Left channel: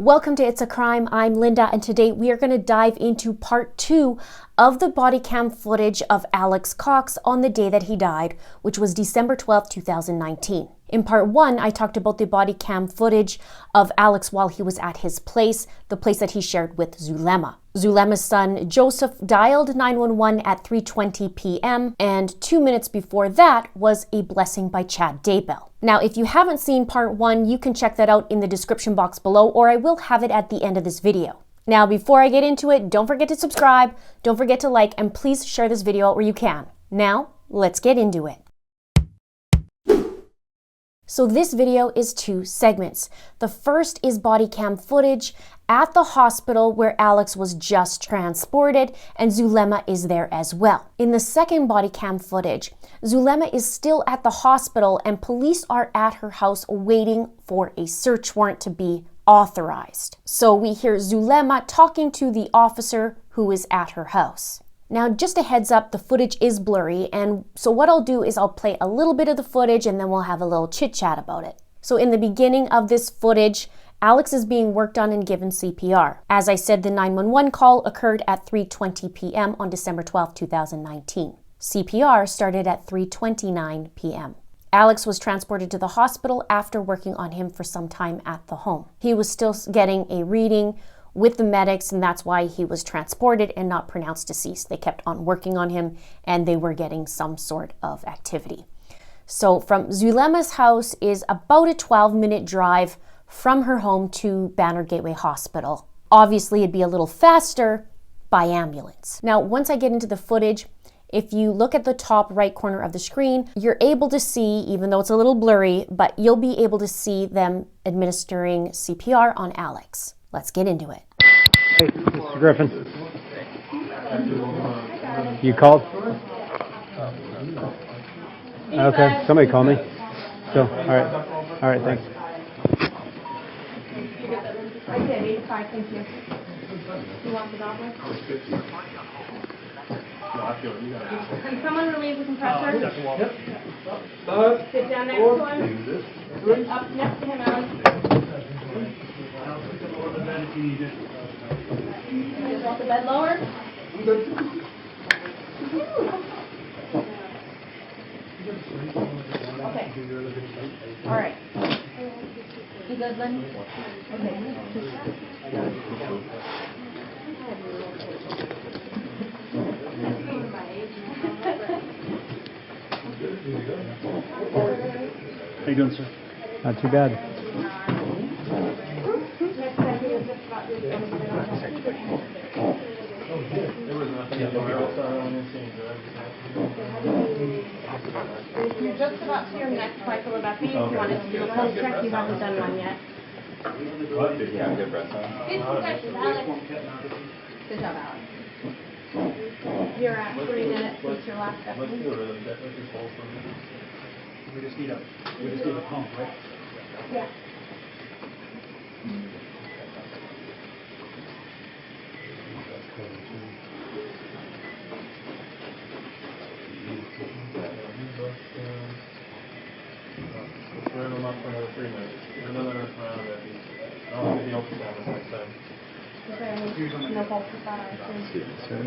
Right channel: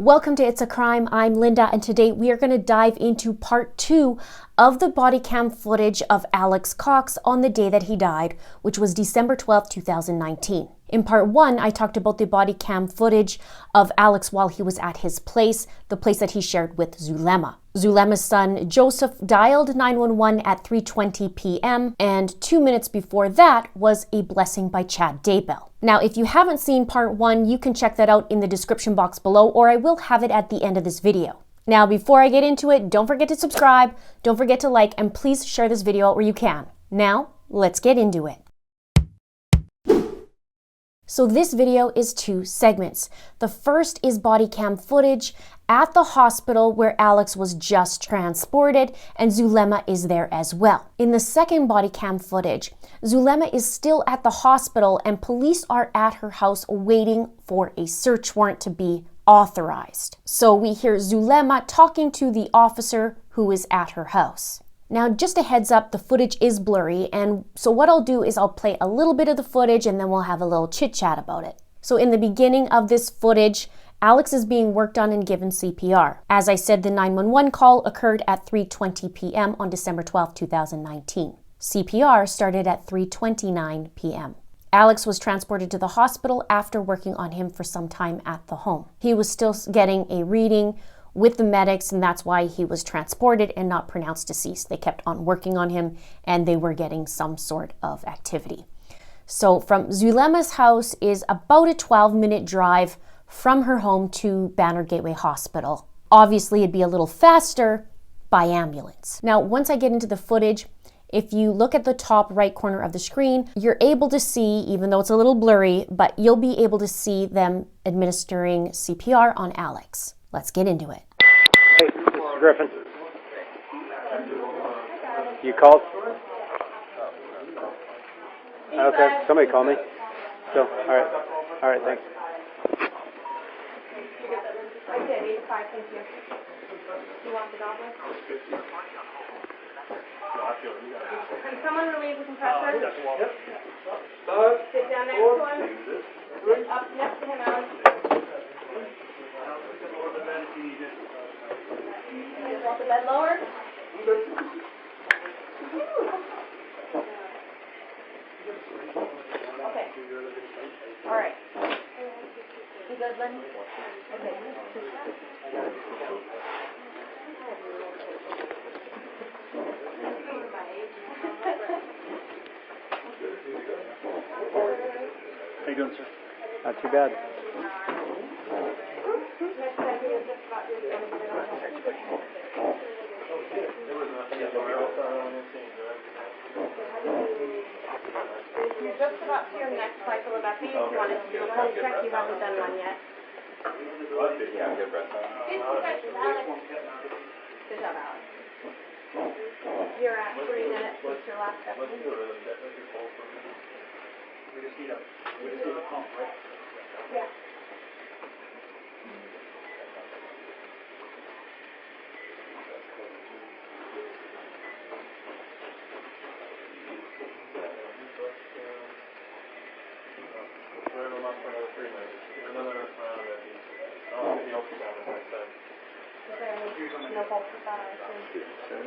Welcome to It's a Crime. I'm Linda, and today we are going to dive into part 2 of the body cam footage of Alex Cox on the day that he died, which was December 12, 2019. In part 1, I talked about the body cam footage of Alex while he was at his place, the place that he shared with Zulema. Zulema's son, Joseph, dialed 911 at 3:20 p.m., and 2 minutes before that was a blessing by Chad Daybell. Now, if you haven't seen part 1, you can check that out in the description box below, or I will have it at the end of this video. Now, before I get into it, don't forget to subscribe, don't forget to like, and please share this video out where you can. Now, let's get into it. So this video is 2 segments. The first is body cam footage at the hospital where Alex was just transported, and Zulema is there as well. In the second body cam footage, Zulema is still at the hospital and police are at her house waiting for a search warrant to be authorized. So we hear Zulema talking to the officer who is at her house. Now, just a heads up, the footage is blurry, and so what I'll do is I'll play a little bit of the footage and then we'll have a little chit chat about it. So in the beginning of this footage, Alex is being worked on and given CPR. As I said, the 911 call occurred at 3:20 p.m. on December 12, 2019. CPR started at 3:29 p.m. Alex was transported to the hospital after working on him for some time at the home. He was still getting a reading with the medics, and that's why he was transported and not pronounced deceased. They kept on working on him and they were getting some sort of activity. So from Zulema's house is about a 12-minute drive from her home to Banner Gateway Hospital. Obviously, it'd be a little faster by ambulance. Now, once I get into the footage, if you look at the top right corner of the screen, you're able to see, even though it's a little blurry, but you'll be able to see them administering CPR on Alex. Let's get into it. Hey, Mr. Griffin. You called? Okay, somebody called me. So, all right, thanks. Okay, 85, thank you. You want the Doppler? Can someone relieve the compressor? Yep. Sit down next to him. Up next to him, Alex. Just want the bed lower? Okay. All right. You good, Lynn? Okay. How you doing, sir? Not too bad. You're just about to your next cycle of epi. If you wanted to do a pulse check, you haven't done one yet. Yeah, good breath time. Good job, Alex. You're at 3 minutes since your last epi. We just need a pump, right? Yeah. Burn them up for another 3 minutes. Another round of these. I'll get the ultrasound next time. Is there no pulse with that, I assume?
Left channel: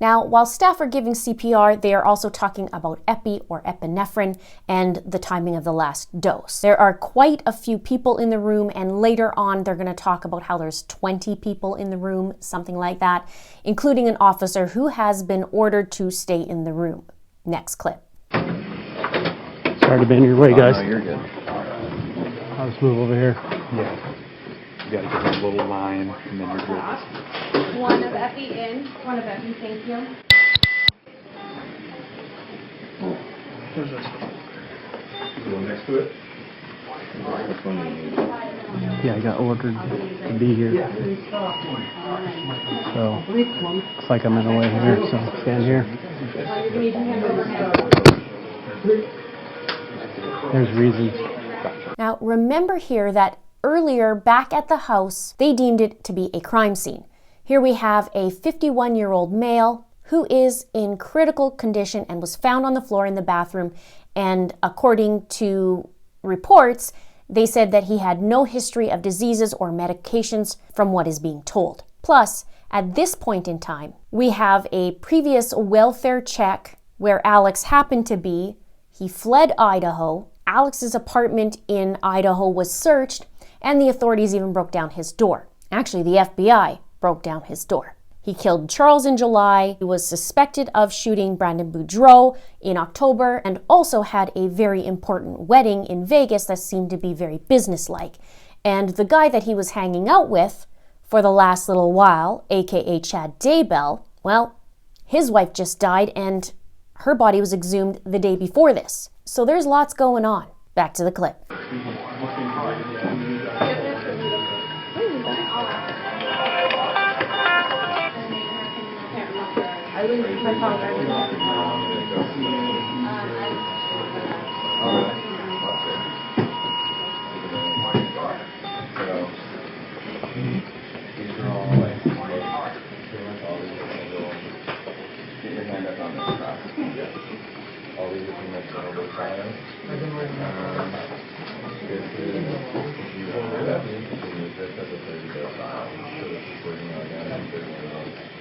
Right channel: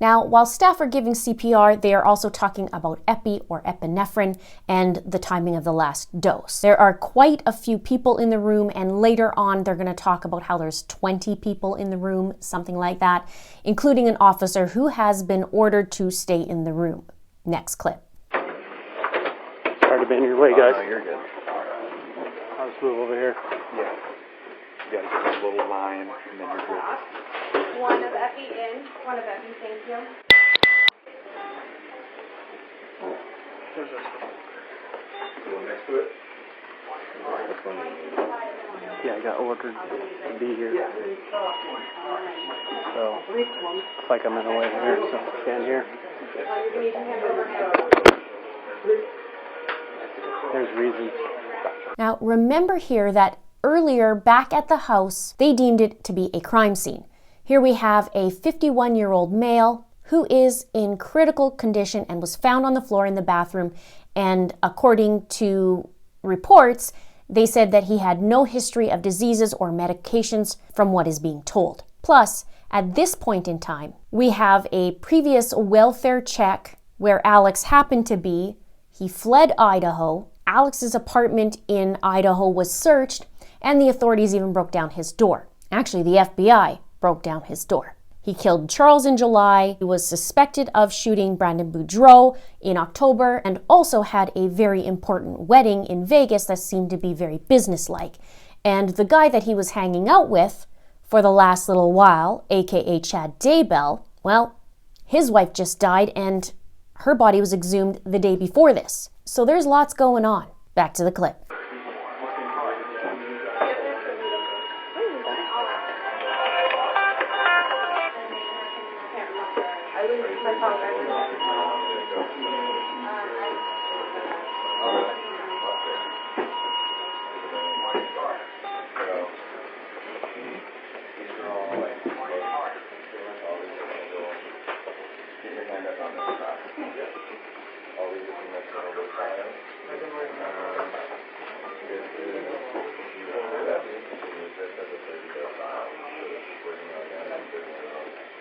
Now, while staff are giving CPR, they are also talking about epi or epinephrine and the timing of the last dose. There are quite a few people in the room, and later on they're going to talk about how there's 20 people in the room, something like that, including an officer who has been ordered to stay in the room. Next clip. Sorry to be in your way, guys. No, you're good. I'll just move over here. Yeah. You gotta get a little line, and then you're good. One of epi in, one of epi, thank you. Go next to it. Yeah, I got ordered to be here. So, looks like I'm in the way here, so stand here. There's reasons. Now, remember here that earlier, back at the house, they deemed it to be a crime scene. Here we have a 51-year-old male who is in critical condition and was found on the floor in the bathroom, and according to reports, They said that he had no history of diseases or medications from what is being told. Plus, at this point in time, we have a previous welfare check where Alex happened to be. He fled Idaho. Alex's apartment in Idaho was searched, and the authorities even broke down his door. Actually, the FBI broke down his door. He killed Charles in July. He was suspected of shooting Brandon Boudreau in October and also had a very important wedding in Vegas that seemed to be very businesslike. And the guy that he was hanging out with for the last little while, aka Chad Daybell, well, his wife just died and her body was exhumed the day before this. So there's lots going on. Back to the clip.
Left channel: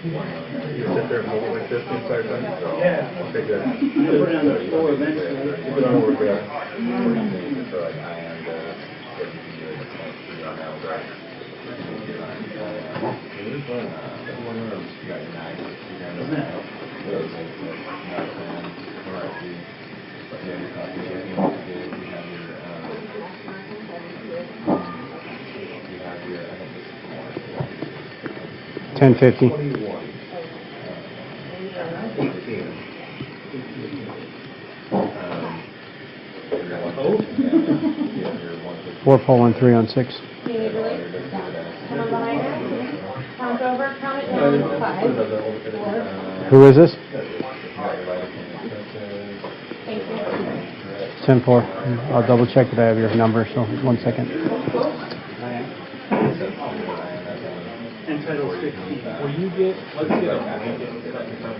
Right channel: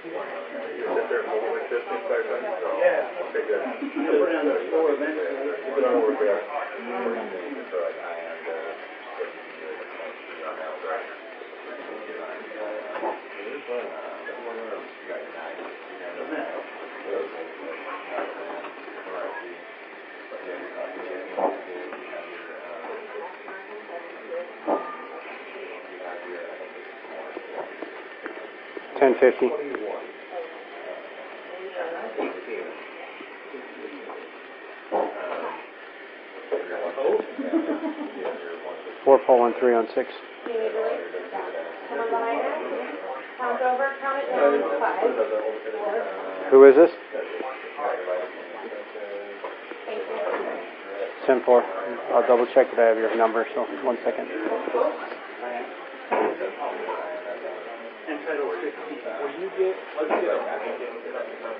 You sit there and hold it like this the entire time? Yeah. Okay, good. Put it on the floor eventually. Put it over there. $10.50. 4 pole and 3 on 6. Come on behind her. Count over. Count it down. 5, 4. Who is this? Thank you. 10-4. I'll double check that I have your number, so 1 second. And title 16. Will you get, let's get a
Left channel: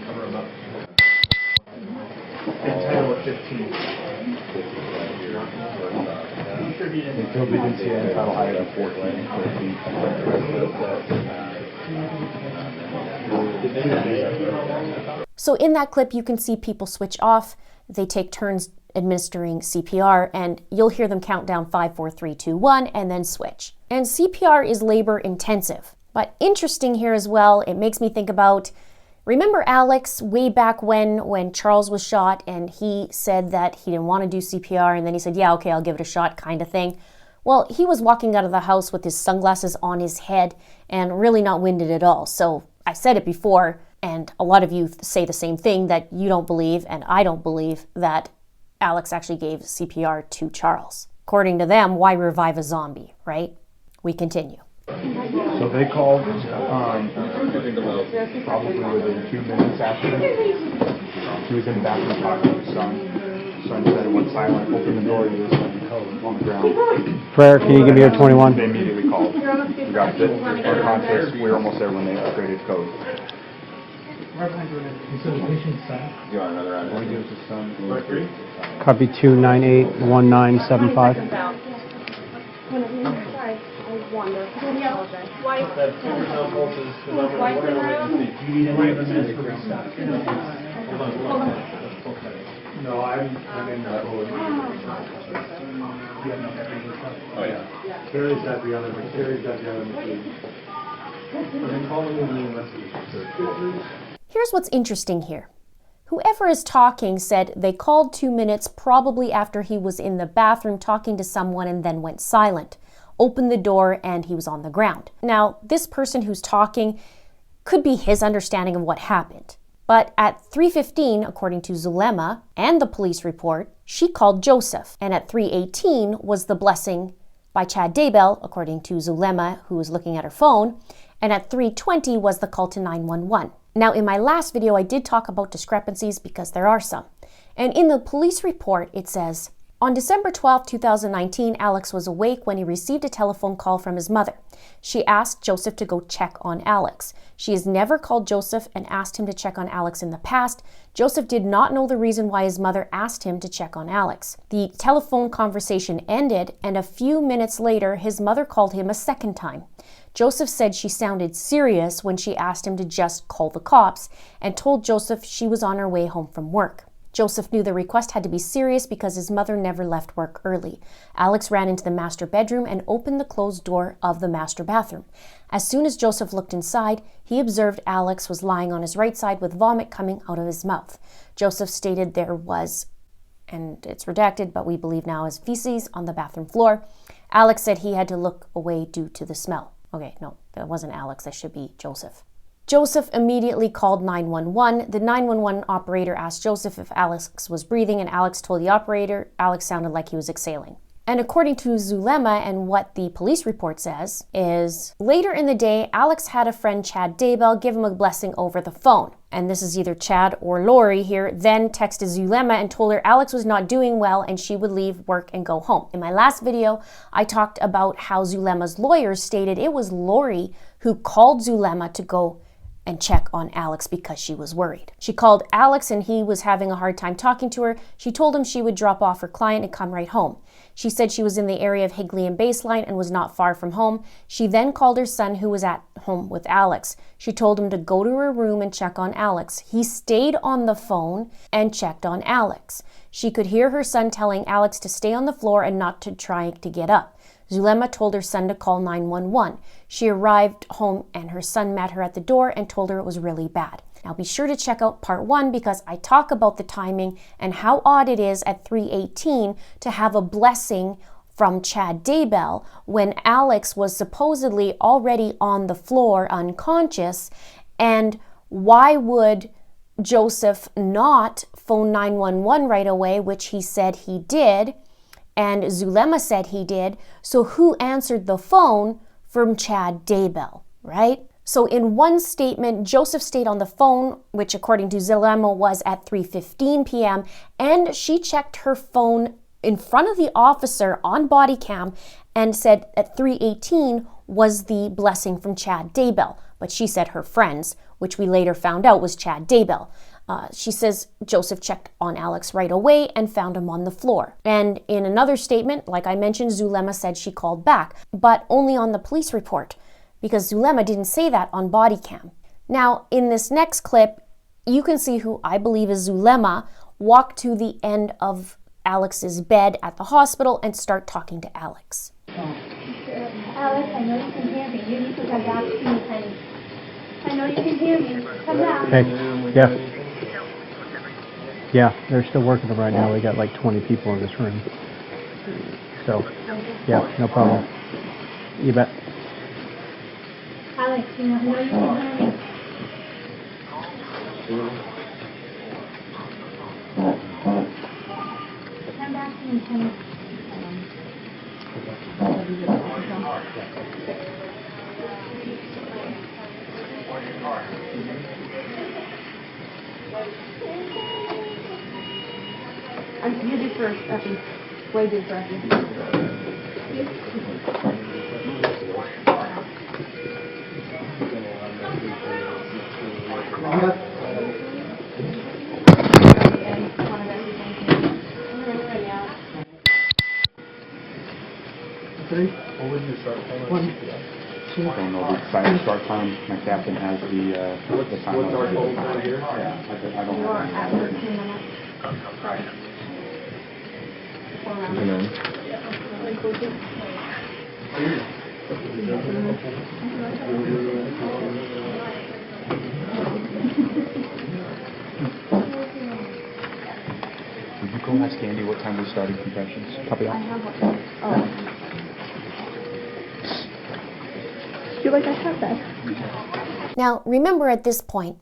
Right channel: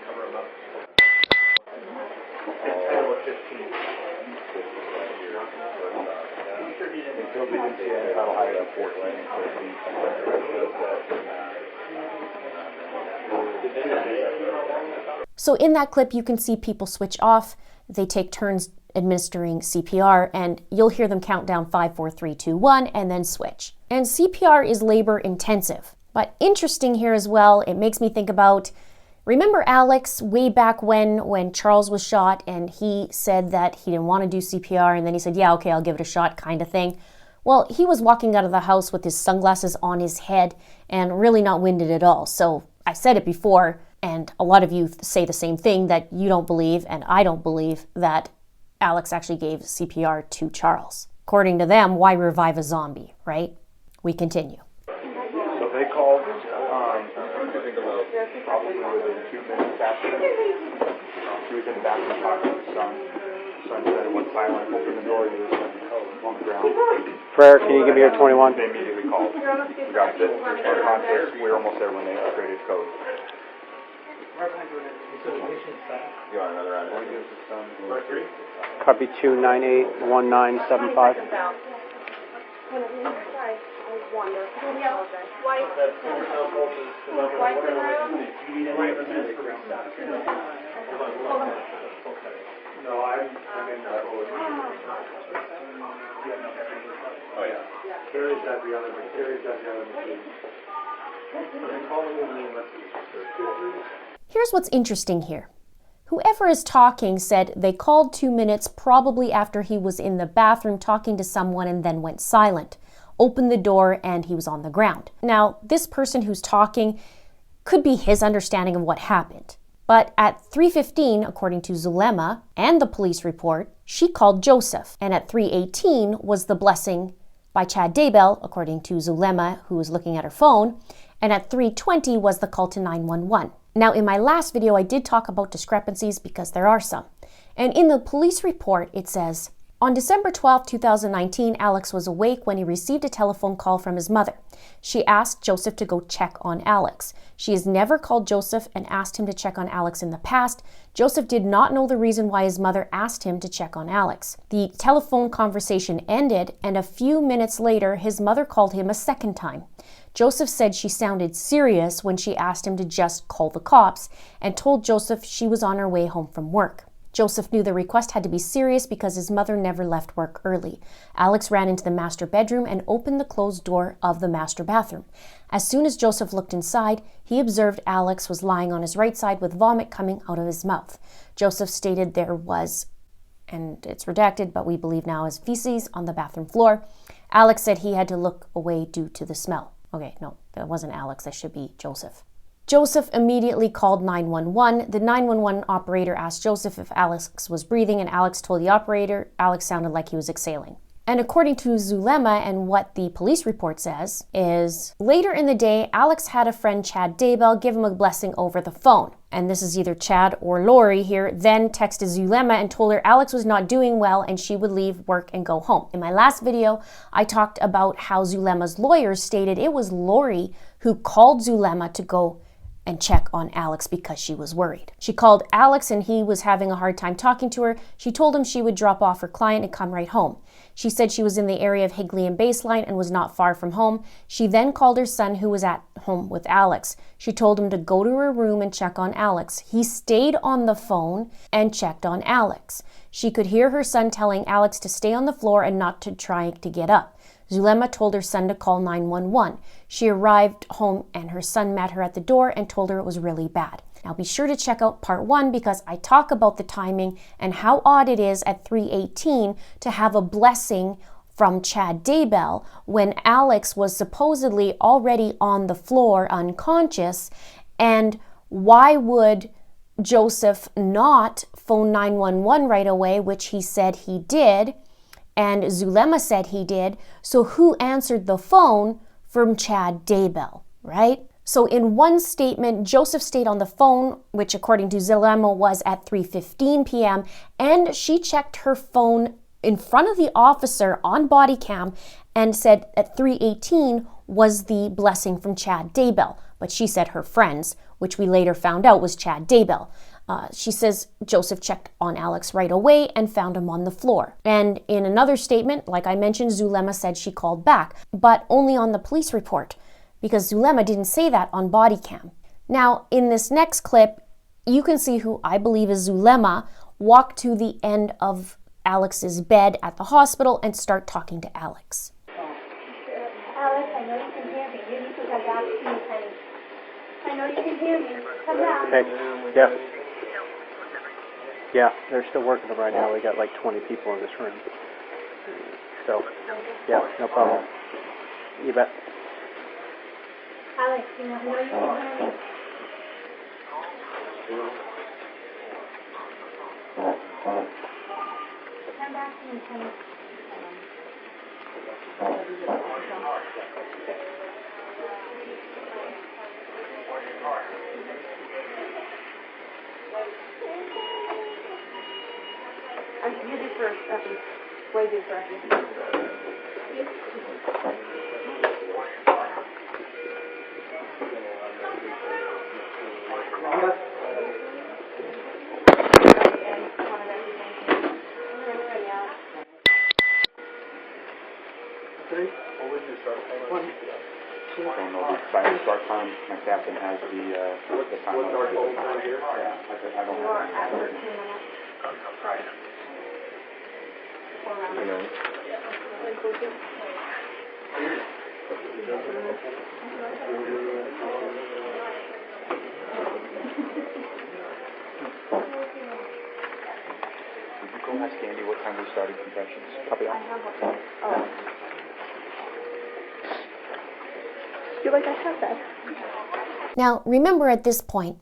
cover them up. And title 15. Until we can see it, title item 14. So in that clip, you can see people switch off. They take turns administering CPR, and you'll hear them count down 5, 4, 3, 2, 1, and then switch. And CPR is labor intensive. But interesting here as well, it makes me think about, remember Alex way back when Charles was shot and he said that he didn't want to do CPR, and then he said, yeah, okay, I'll give it a shot kind of thing. Well, he was walking out of the house with his sunglasses on his head and really not winded at all. So I said it before, and a lot of you say the same thing, that you don't believe, and I don't believe, that Alex actually gave CPR to Charles. According to them, why revive a zombie, right? We continue. So they called probably within 2 minutes after. She was in the bathroom talking to her son. Son said it went silent, opened the door, and there was on the ground. Prayer, can you give me your 21? They immediately called. We got it. Our context, we were almost there when they upgraded code. You want another round? Copy 2981975. No, I'm in the Oh, yeah. Terry's got the other machine. And then call me when you message. Here's what's interesting here. Whoever is talking said they called 2 minutes probably after he was in the bathroom talking to someone and then went silent, opened the door, and he was on the ground. Now, this person who's talking could be his understanding of what happened. But at 3:15, according to Zulema and the police report, she called Joseph. And at 3:18 was the blessing by Chad Daybell, according to Zulema, who was looking at her phone. And at 3:20 was the call to 911. Now, in my last video, I did talk about discrepancies because there are some. And in the police report, it says, On December 12, 2019, Alex was awake when he received a telephone call from his mother. She asked Joseph to go check on Alex. She has never called Joseph and asked him to check on Alex in the past. Joseph did not know the reason why his mother asked him to check on Alex. The telephone conversation ended, and a few minutes later, his mother called him a second time. Joseph said she sounded serious when she asked him to just call the cops and told Joseph she was on her way home from work. Joseph knew the request had to be serious because his mother never left work early. Alex ran into the master bedroom and opened the closed door of the master bathroom. As soon as Joseph looked inside, he observed Alex was lying on his right side with vomit coming out of his mouth. Joseph stated there was, and it's redacted, but we believe now is feces on the bathroom floor. Alex said he had to look away due to the smell. Okay, no, that wasn't Alex, that should be Joseph. Joseph immediately called 911. The 911 operator asked Joseph if Alex was breathing, and Alex told the operator Alex sounded like he was exhaling. And according to Zulema and what the police report says is, later in the day, Alex had a friend, Chad Daybell, give him a blessing over the phone. And this is either Chad or Lori here, then texted Zulema and told her Alex was not doing well and she would leave work and go home. In my last video, I talked about how Zulema's lawyers stated it was Lori who called Zulema to go and check on Alex because she was worried. She called Alex and he was having a hard time talking to her. She told him she would drop off her client and come right home. She said she was in the area of Higley and Baseline and was not far from home. She then called her son who was at home with Alex. She told him to go to her room and check on Alex. He stayed on the phone and checked on Alex. She could hear her son telling Alex to stay on the floor and not to try to get up. Zulema told her son to call 911. She arrived home and her son met her at the door and told her it was really bad. Now be sure to check out part 1 because I talk about the timing and how odd it is at 3:18 to have a blessing from Chad Daybell when Alex was supposedly already on the floor unconscious. And why would Joseph not phone 911 right away, which he said he did, and Zulema said he did? So who answered the phone from Chad Daybell, right? So in one statement, Joseph stayed on the phone, which according to Zulema was at 3:15 p.m., and she checked her phone in front of the officer on body cam and said at 3:18 was the blessing from Chad Daybell. But she said her friends, which we later found out was Chad Daybell. She says Joseph checked on Alex right away and found him on the floor. And in another statement, like I mentioned, Zulema said she called back, but only on the police report, because Zulema didn't say that on body cam. Now, in this next clip, you can see who I believe is Zulema walk to the end of Alex's bed at the hospital and start talking to Alex. Alex, I know you can hear me. You need to come back to me, honey. I know you can hear me. Come back. Okay, yeah. Yeah, they're still working them right now. We got like 20 people in this room. So, yeah, no problem. You bet. Alex, you know you can hear me. Come back to me, honey. You do first, Effie. Wade did first. What was your start time? 1, 2. I don't know the silent start time. My captain has the time. What's our code over here? Yeah, I don't have it. 2 minutes. Did you go ask Andy what time we started confessions? Copy that. I feel like I have that. Now, remember at this point,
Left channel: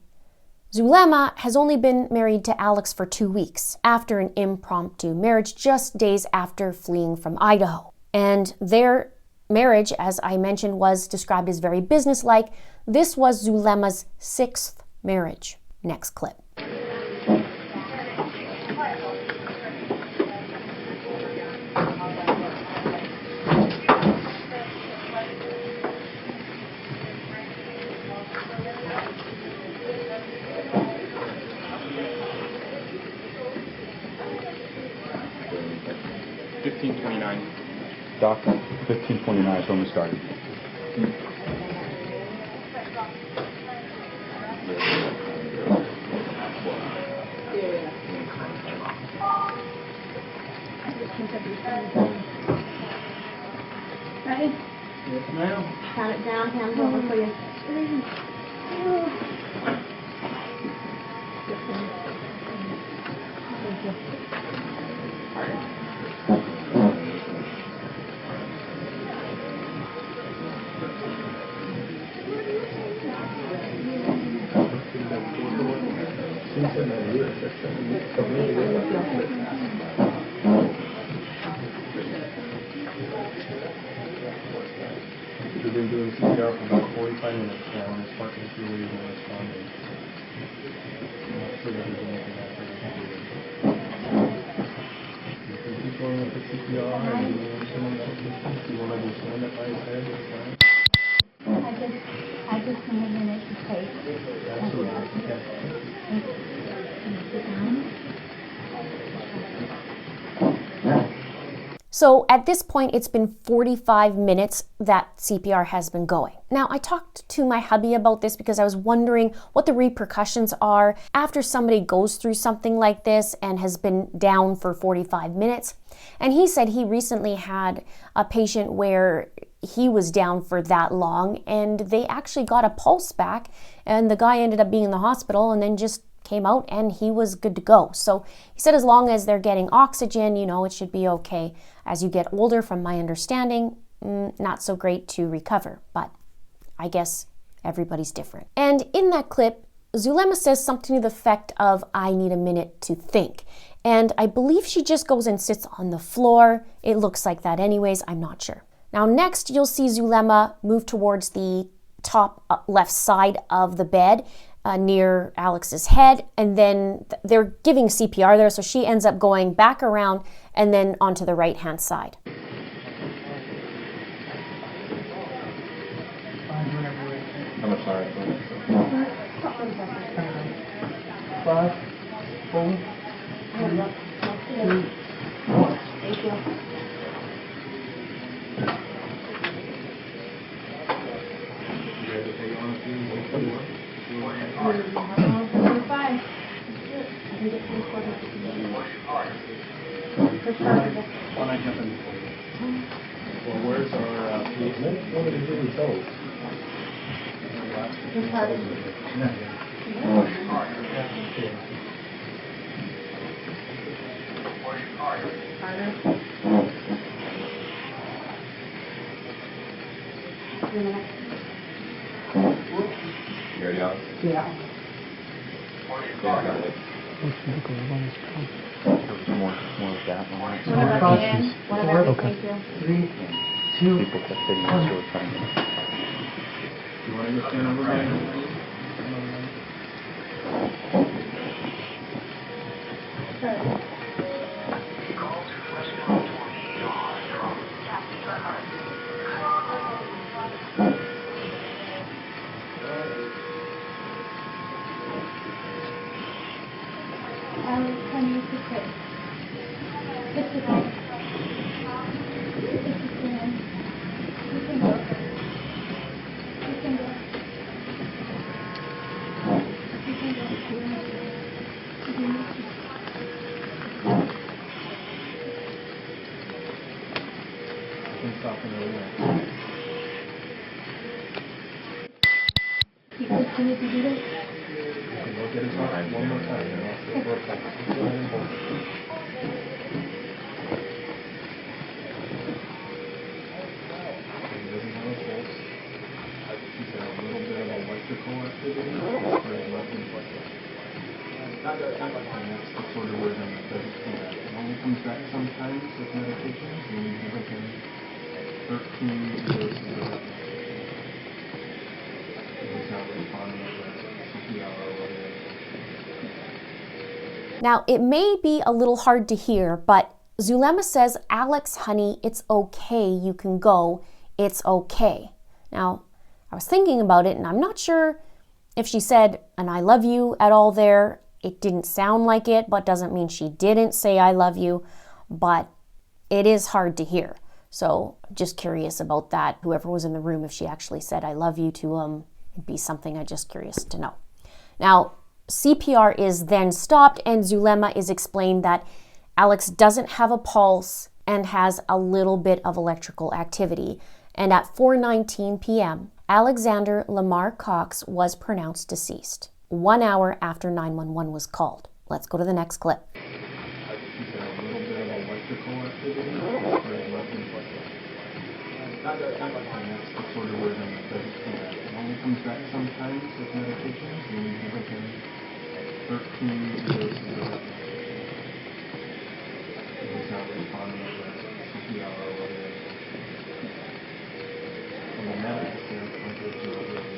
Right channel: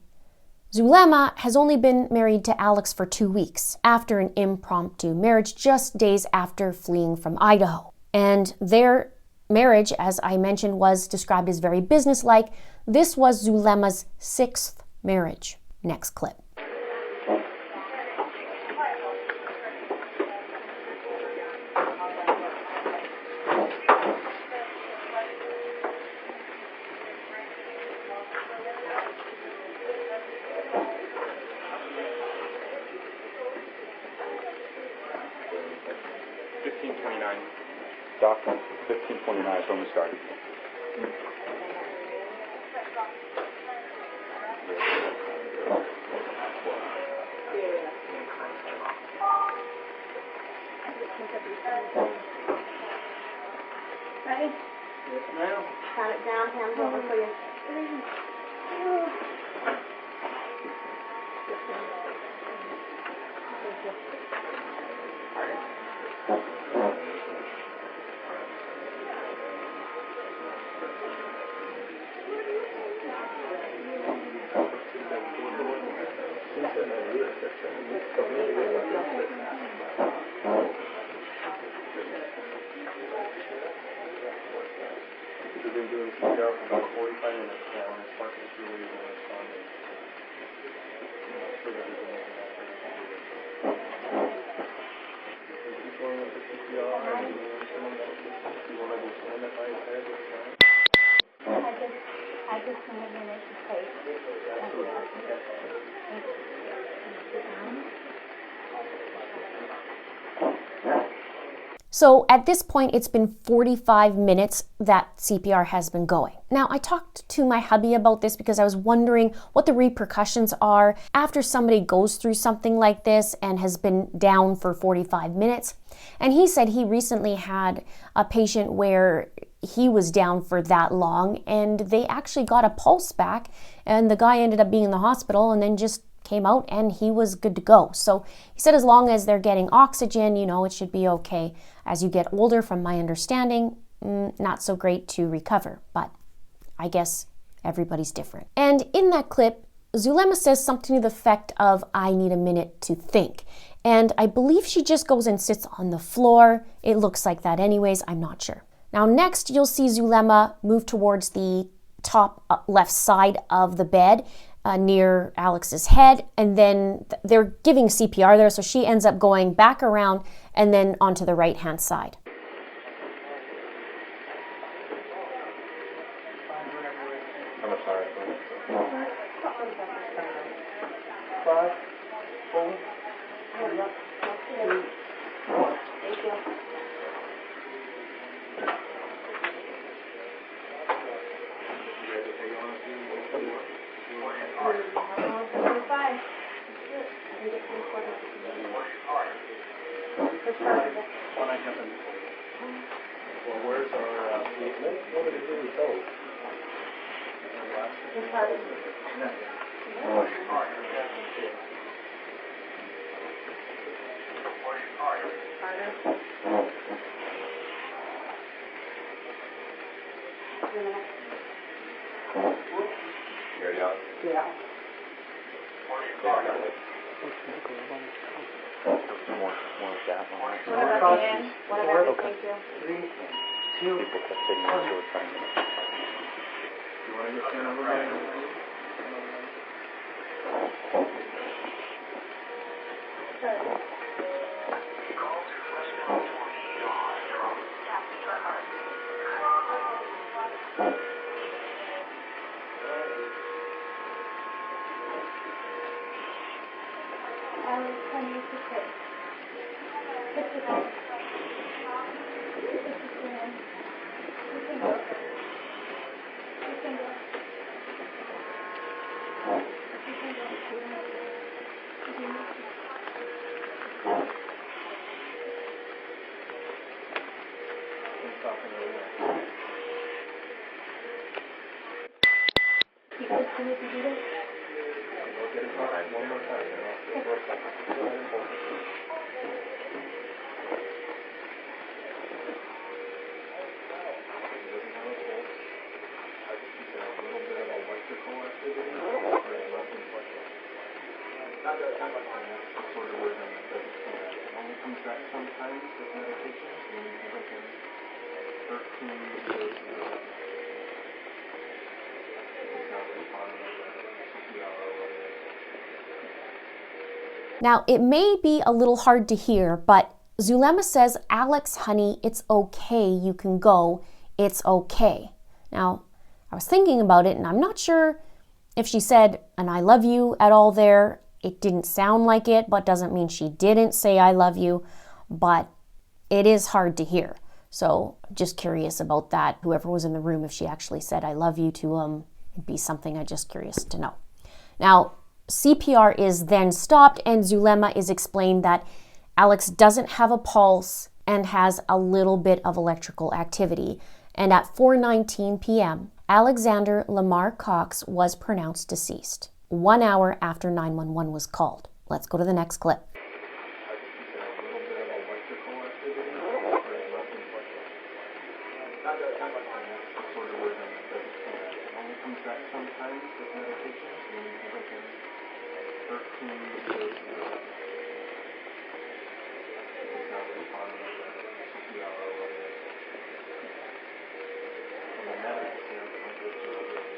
Zulema has only been married to Alex for 2 weeks after an impromptu marriage just days after fleeing from Idaho. And their marriage, as I mentioned, was described as very businesslike. This was Zulema's 6th marriage. Next clip. 15:29. Doc, 15:29 is when we started. Ready? Yes, ma'am. Count it down, hands over for you. We've been doing CPR for about 45 minutes now, and it's fucking really not responding. I'm not sure that there's anything else I can do. You can keep going with the CPR, and you want someone else to speak. You want to do someone that by his head, that's fine. I just need a minute to take. Absolutely. Okay. So at this point, it's been 45 minutes that CPR has been going. Now, I talked to my hubby about this because I was wondering what the repercussions are after somebody goes through something like this and has been down for 45 minutes. And he said he recently had a patient where he was down for that long and they actually got a pulse back, and the guy ended up being in the hospital and then just came out and he was good to go. So he said as long as they're getting oxygen, it should be okay. As you get older, from my understanding, not so great to recover, but I guess everybody's different. And in that clip, Zulema says something to the effect of, "I need a minute to think." And I believe she just goes and sits on the floor. It looks like that anyways, I'm not sure. Now next, you'll see Zulema move towards the top left side of the bed, near Alex's head, and then they're giving CPR there, so she ends up going back around and then onto the right hand side. I'm sorry. 5, 4, 3, 2, 1. Well, where's our policeman? What did he do with those? Yeah. More of that one. Okay. 3, 2, People kept sitting next to her trying to. You want to go stand over by? Can you just sit? Just sit down. You can go. You can go. You can go. Can you do this? We'll get his heart one more time, and I'll sit for a second. Go ahead and hold it. He doesn't have a pulse. He's got a little bit of electrical activity. It's very less inflected. And that's the sort of version that doesn't come back. It only comes back sometimes with medications, and we give him 13 doses of it. He's not responding to CPR or whatever. Now, it may be a little hard to hear, but Zulema says, "Alex, honey, it's okay. You can go. It's okay." Now, I was thinking about it, and I'm not sure if she said an "I love you" at all there. It didn't sound like it, but doesn't mean she didn't say "I love you." But it is hard to hear. So just curious about that. Whoever was in the room, if she actually said, I love you to him, it'd be something I'm just curious to know. Now, CPR is then stopped and Zulema is explained that Alex doesn't have a pulse and has a little bit of electrical activity. And at 4:19 p.m., Alexander Lamar Cox was pronounced deceased, 1 hour after 911 was called. Let's go to the next clip. Comes back sometimes with medications, and we give him 13 doses of it. He's not responding to CPR or whatever. From the medical standpoint, there's no really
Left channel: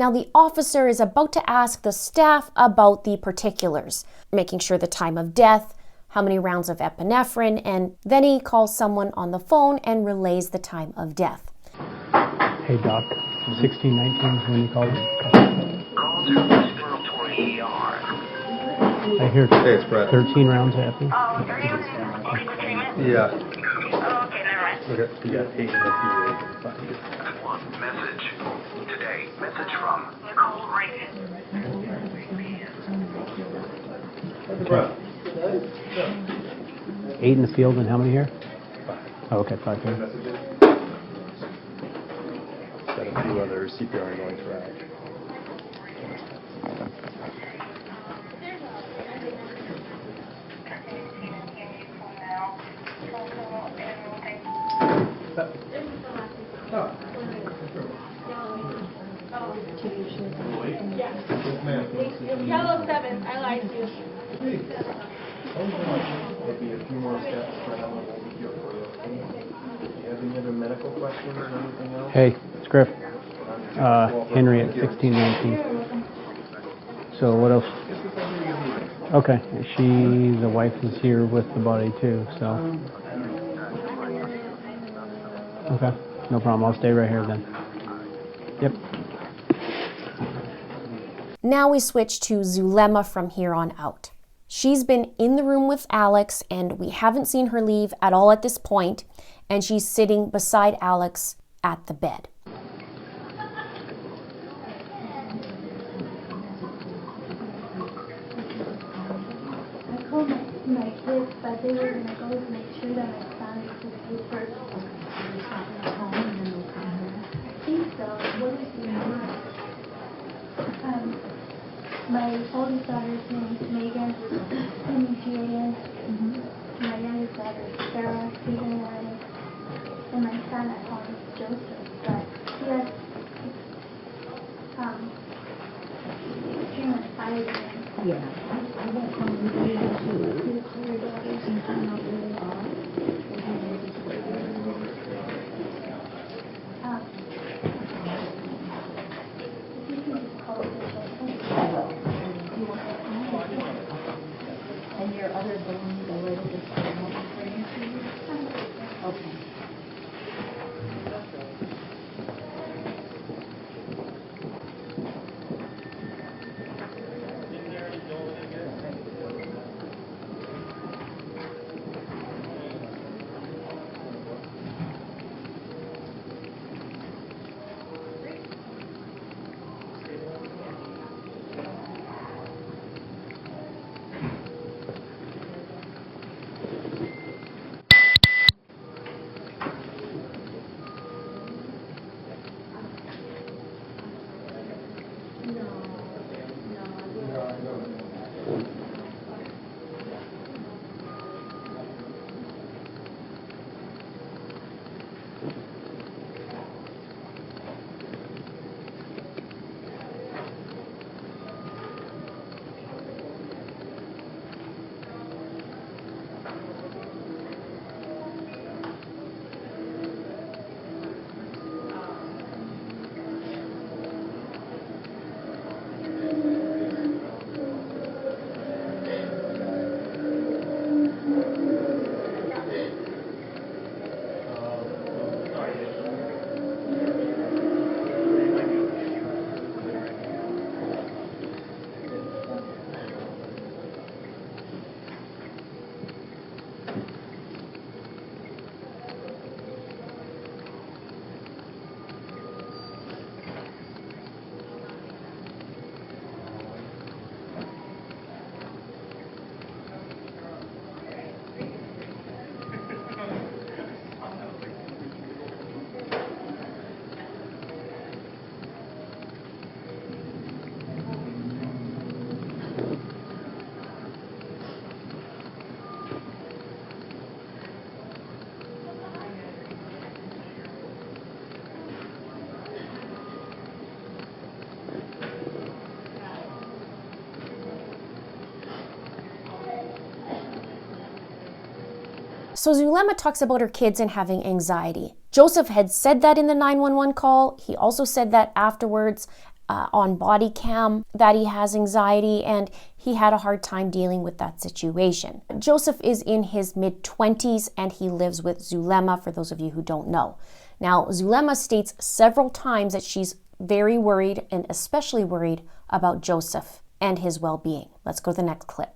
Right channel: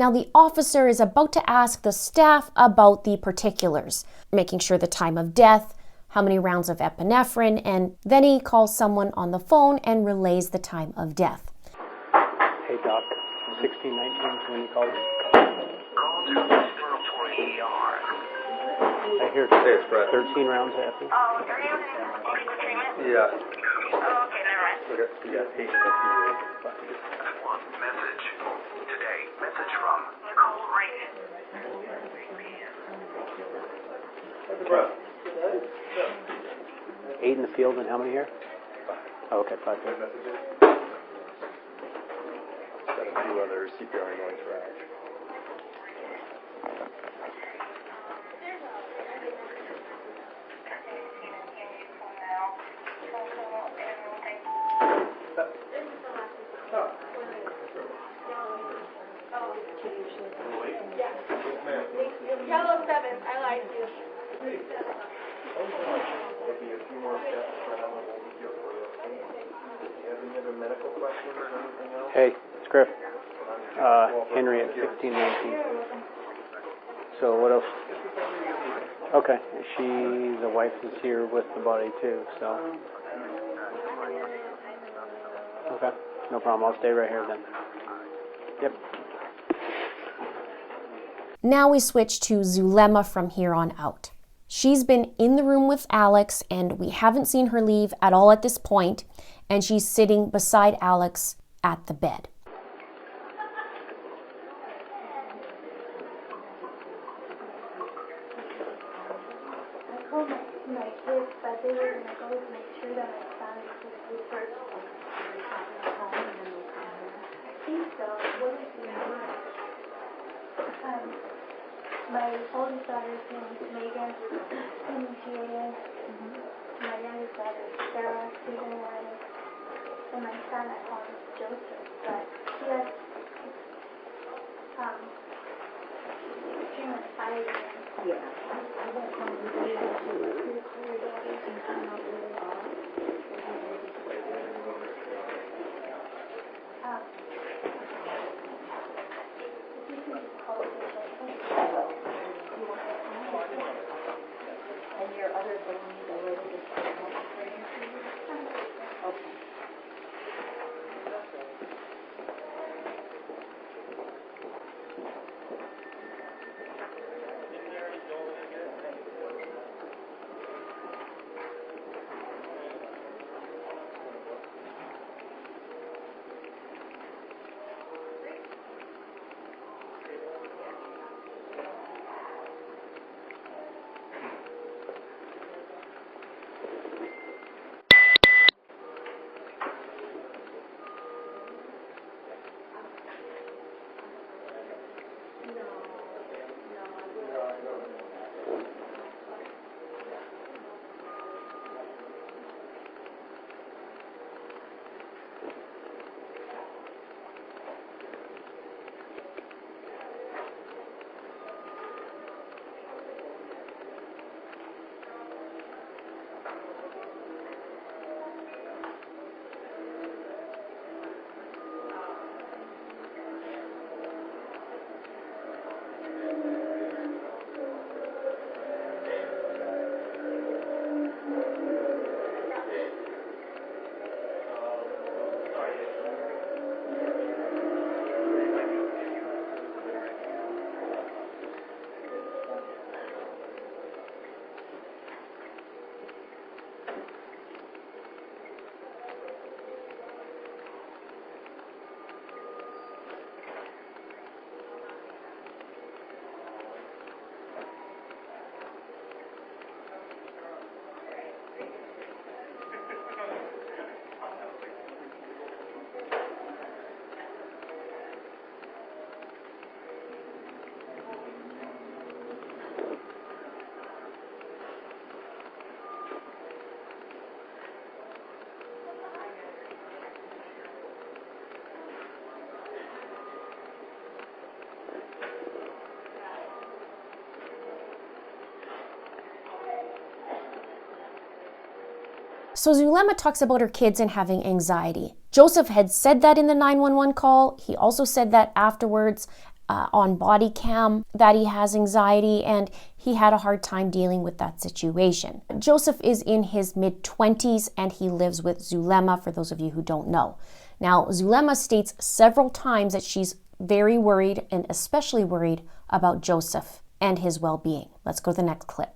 Now the officer is about to ask the staff about the particulars, making sure the time of death, how many rounds of epinephrine, and then he calls someone on the phone and relays the time of death. Hey Doc, 1619 when you called it. I hear Hey, it's Brett. 13 rounds of epi. Yeah. Okay, never mind. Okay, you got 8 in the Message today. Message from Nicole Rankin. Brett. 8 in the field and how many here? Oh, okay, 5 here. Got a few other CPR going track. Yellow 7, I lied to you. Maybe a few more steps, but I'm going to be here for you. Do you have any other medical questions or anything else? Hey, it's Griff. Henry at 1619. So what else? Okay, the wife is here with the body too, so. Okay, no problem. I'll stay right here then. Yep. Now we switch to Zulema from here on out. She's been in the room with Alex and we haven't seen her leave at all at this point, and she's sitting beside Alex at the bed. I called my kids, but they were going to go make sure that my son was asleep first. I think so. What is the number? My oldest daughter's name is Megan, M-E-G-A-N. My youngest daughter is Sarah, C-A-N. And my son I call him Joseph, but he has extremely high again. Yeah, I won't come with you too. Your daughters can find out where they are. So Zulema talks about her kids and having anxiety. Joseph had said that in the 911 call. He also said that afterwards on body cam that he has anxiety and he had a hard time dealing with that situation. Joseph is in his mid-20s and he lives with Zulema, for those of you who don't know. Now, Zulema states several times that she's very worried and especially worried about Joseph and his well-being. Let's go to the next clip.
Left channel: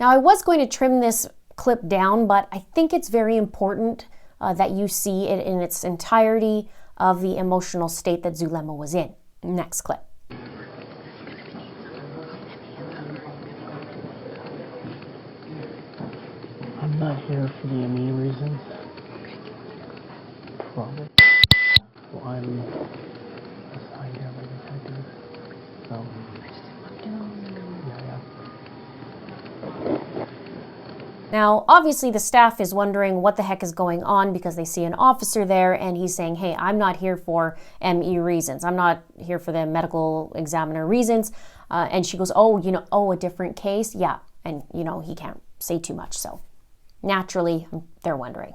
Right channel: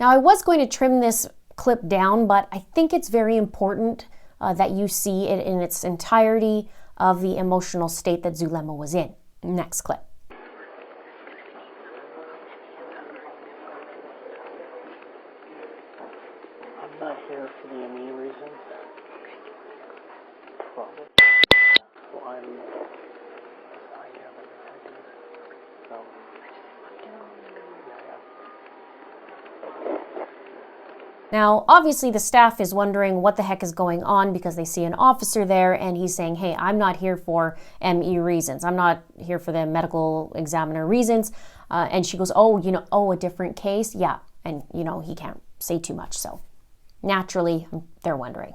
Now, I was going to trim this clip down, but I think it's very important that you see it in its entirety of the emotional state that Zulema was in. Next clip. I'm not here for the ME reasons. Probably. Well, I'm assigned here by detective. So, yeah. Now, obviously the staff is wondering what the heck is going on because they see an officer there and he's saying, hey, I'm not here for ME reasons. I'm not here for the medical examiner reasons. And she goes, a different case? Yeah. And, he can't say too much. So naturally, they're wondering.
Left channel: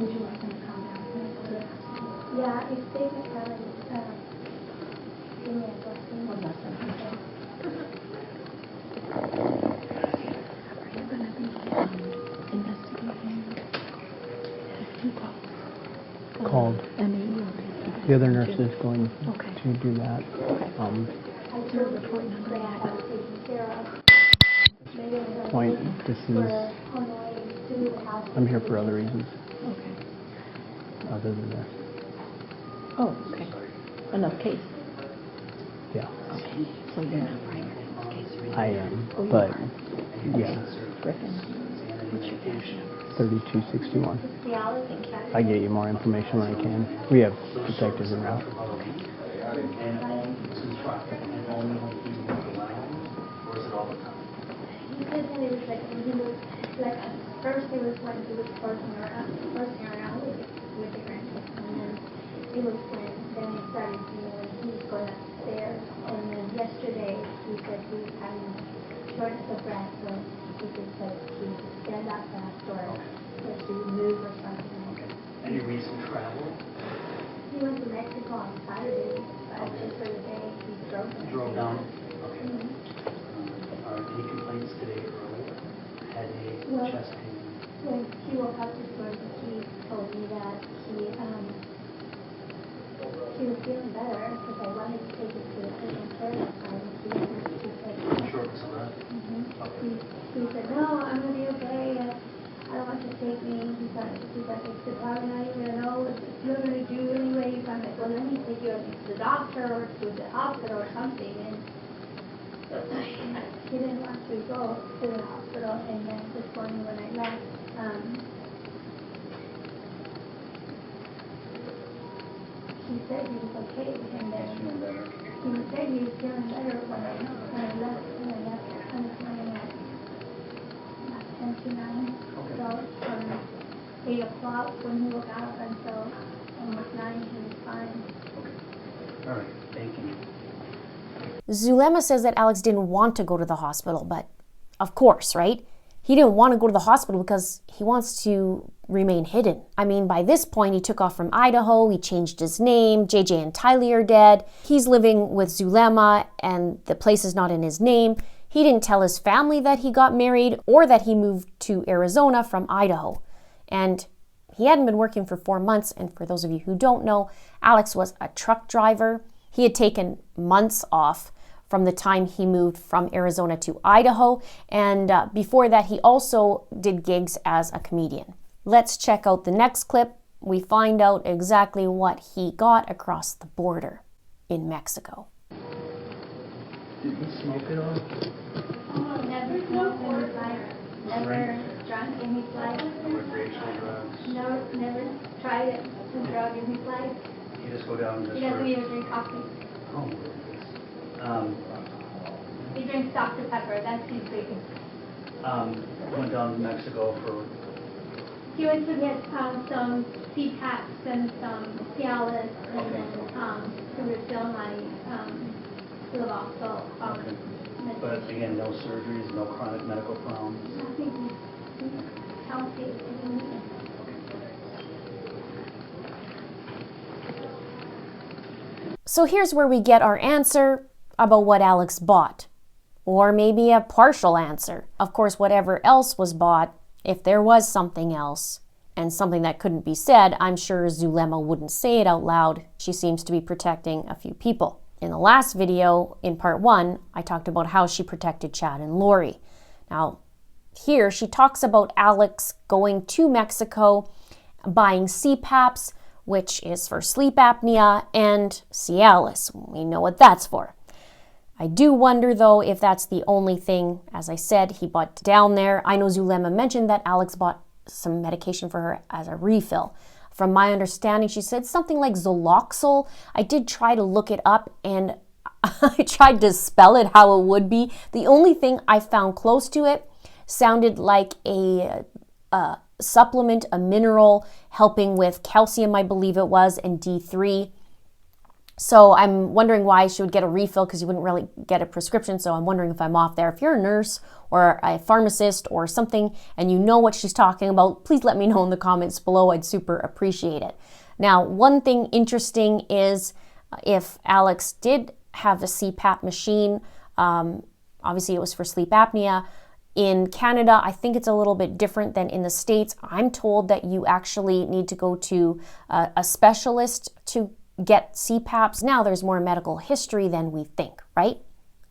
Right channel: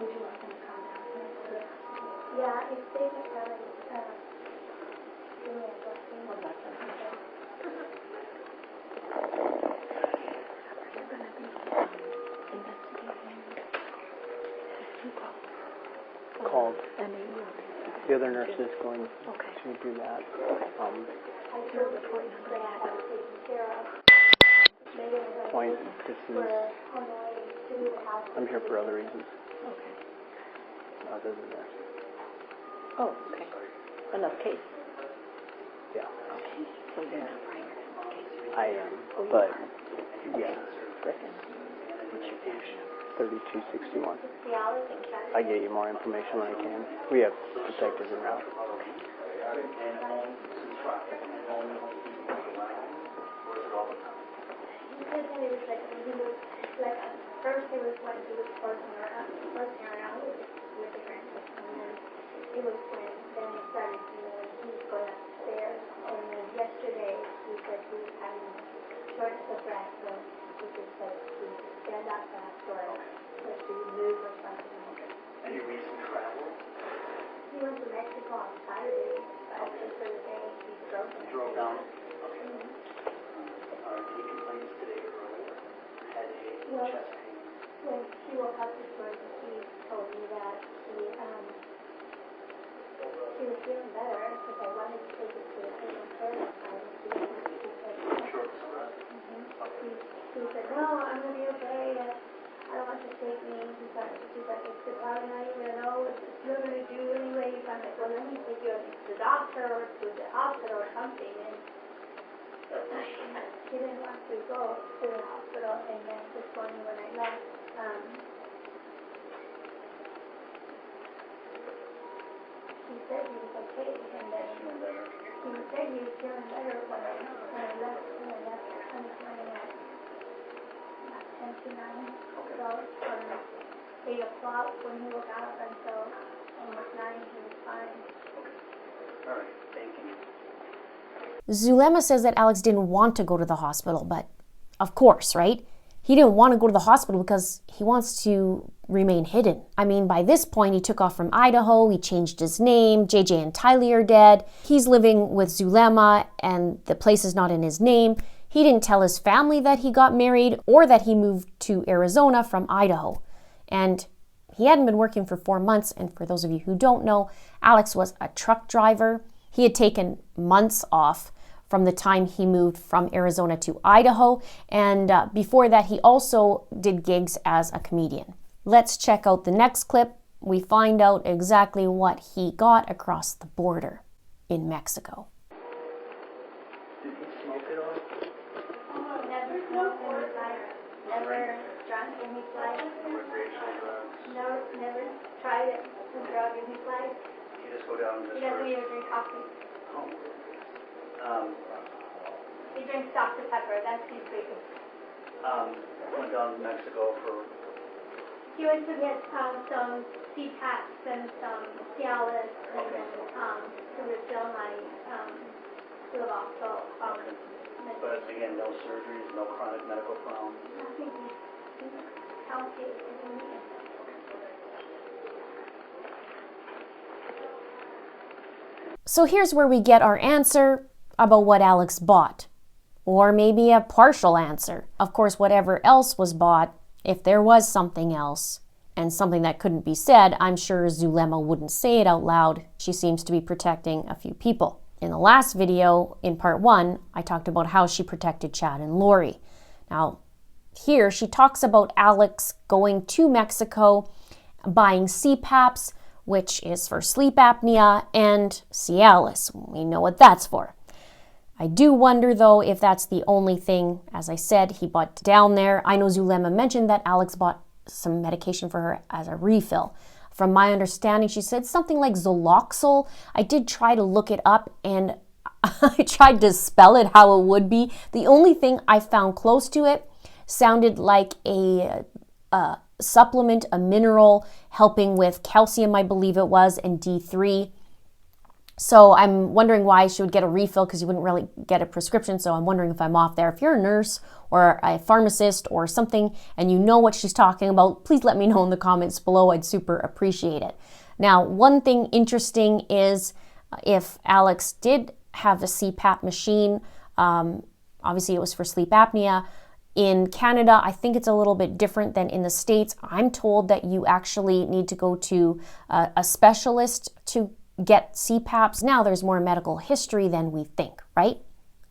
Would you like them to come down here? Yeah, if they can give me a blessing. Are you going to be investigating? Called. The other nurse is going to do that. Point, this is, I'm here for other reasons. Other than this. Oh, okay. Another case. Yeah. So then, I am, but yeah, Griffin, what's your cash? 3261. Cialis and Chaplain. I get you more information when I can. We have detectives around. He said that it was like when he was like at first it was when he was forcing around with the grandkids, and then it was when then he started when he was going upstairs, and then yesterday he said he was having shortness of breath, so he just said he would stand up fast or that she would move or something like that. Any recent travel? He went to Mexico on Saturday, but just for the day he drove there. Drove down? Mhm. Any complaints today early? Headache, Well, chest pain? when she woke up this morning, she told me that she was feeling better because I wanted to take it to the urgent care that time, and she said, Shortness of breath? he said, no, I'm going to be okay. I don't want you to take me. He said, it's probably not even going to know what you're going to do anyway. I'm like, well, let me take you to the doctor or to the hospital or something. And he didn't want to go to the hospital. And then this morning when I left, he said he was okay. And then he said he was feeling better when I left. When I left this morning at 10 to 9. So from 8 o'clock when he woke up until almost 9, he was fine. Okay. All right. Thank you. Zulema says that Alex didn't want to go to the hospital, but of course, right? He didn't want to go to the hospital because he wants to remain hidden. I mean, by this point, he took off from Idaho, he changed his name, JJ and Tylee are dead, he's living with Zulema, and the place is not in his name. He didn't tell his family that he got married or that he moved to Arizona from Idaho. And he hadn't been working for 4 months, and for those of you who don't know, Alex was a truck driver. He had taken months off from the time he moved from Arizona to Idaho, and before that he also did gigs as a comedian. Let's check out the next clip. We find out exactly what he got across the border in Mexico. Did he smoke at all? Never smoked in his life, never drunk in his life, Recreational drugs? never tried a drug in his life. You just go down and just He doesn't even drink coffee. Oh. He drinks Dr. Pepper, that's his biggest. Went down to Mexico for... He went to get some CPAPs and some Cialis, and then to refill my Levoxel. Okay. But again, no surgeries, no chronic medical problems? Nothing. He's healthy. So here's where we get our answer about what Alex bought. Or maybe a partial answer. Of course, whatever else was bought, if there was something else, and something that couldn't be said, I'm sure Zulema wouldn't say it out loud. She seems to be protecting a few people. In the last video, in part 1, I talked about how she protected Chad and Lori. Now, here she talks about Alex going to Mexico, buying CPAPs, which is for sleep apnea, and Cialis. We know what that's for. I do wonder, though, if that's the only thing, as I said, he bought down there. I know Zulema mentioned that Alex bought some medication for her as a refill. From my understanding, she said something like Zoloxol. I did try to look it up, and I tried to spell it how it would be. The only thing I found close to it sounded like a supplement, a mineral, helping with calcium, I believe it was, and D3. So I'm wondering why she would get a refill, because you wouldn't really get a prescription. So I'm wondering if I'm off there. If you're a nurse or a pharmacist or something and you know what she's talking about, please let me know in the comments below. I'd super appreciate it. Now, one thing interesting is if Alex did have a CPAP machine, obviously it was for sleep apnea. In Canada, I think it's a little bit different than in the States. I'm told that you actually need to go to a specialist to get CPAPs. Now there's more medical history than we think, right?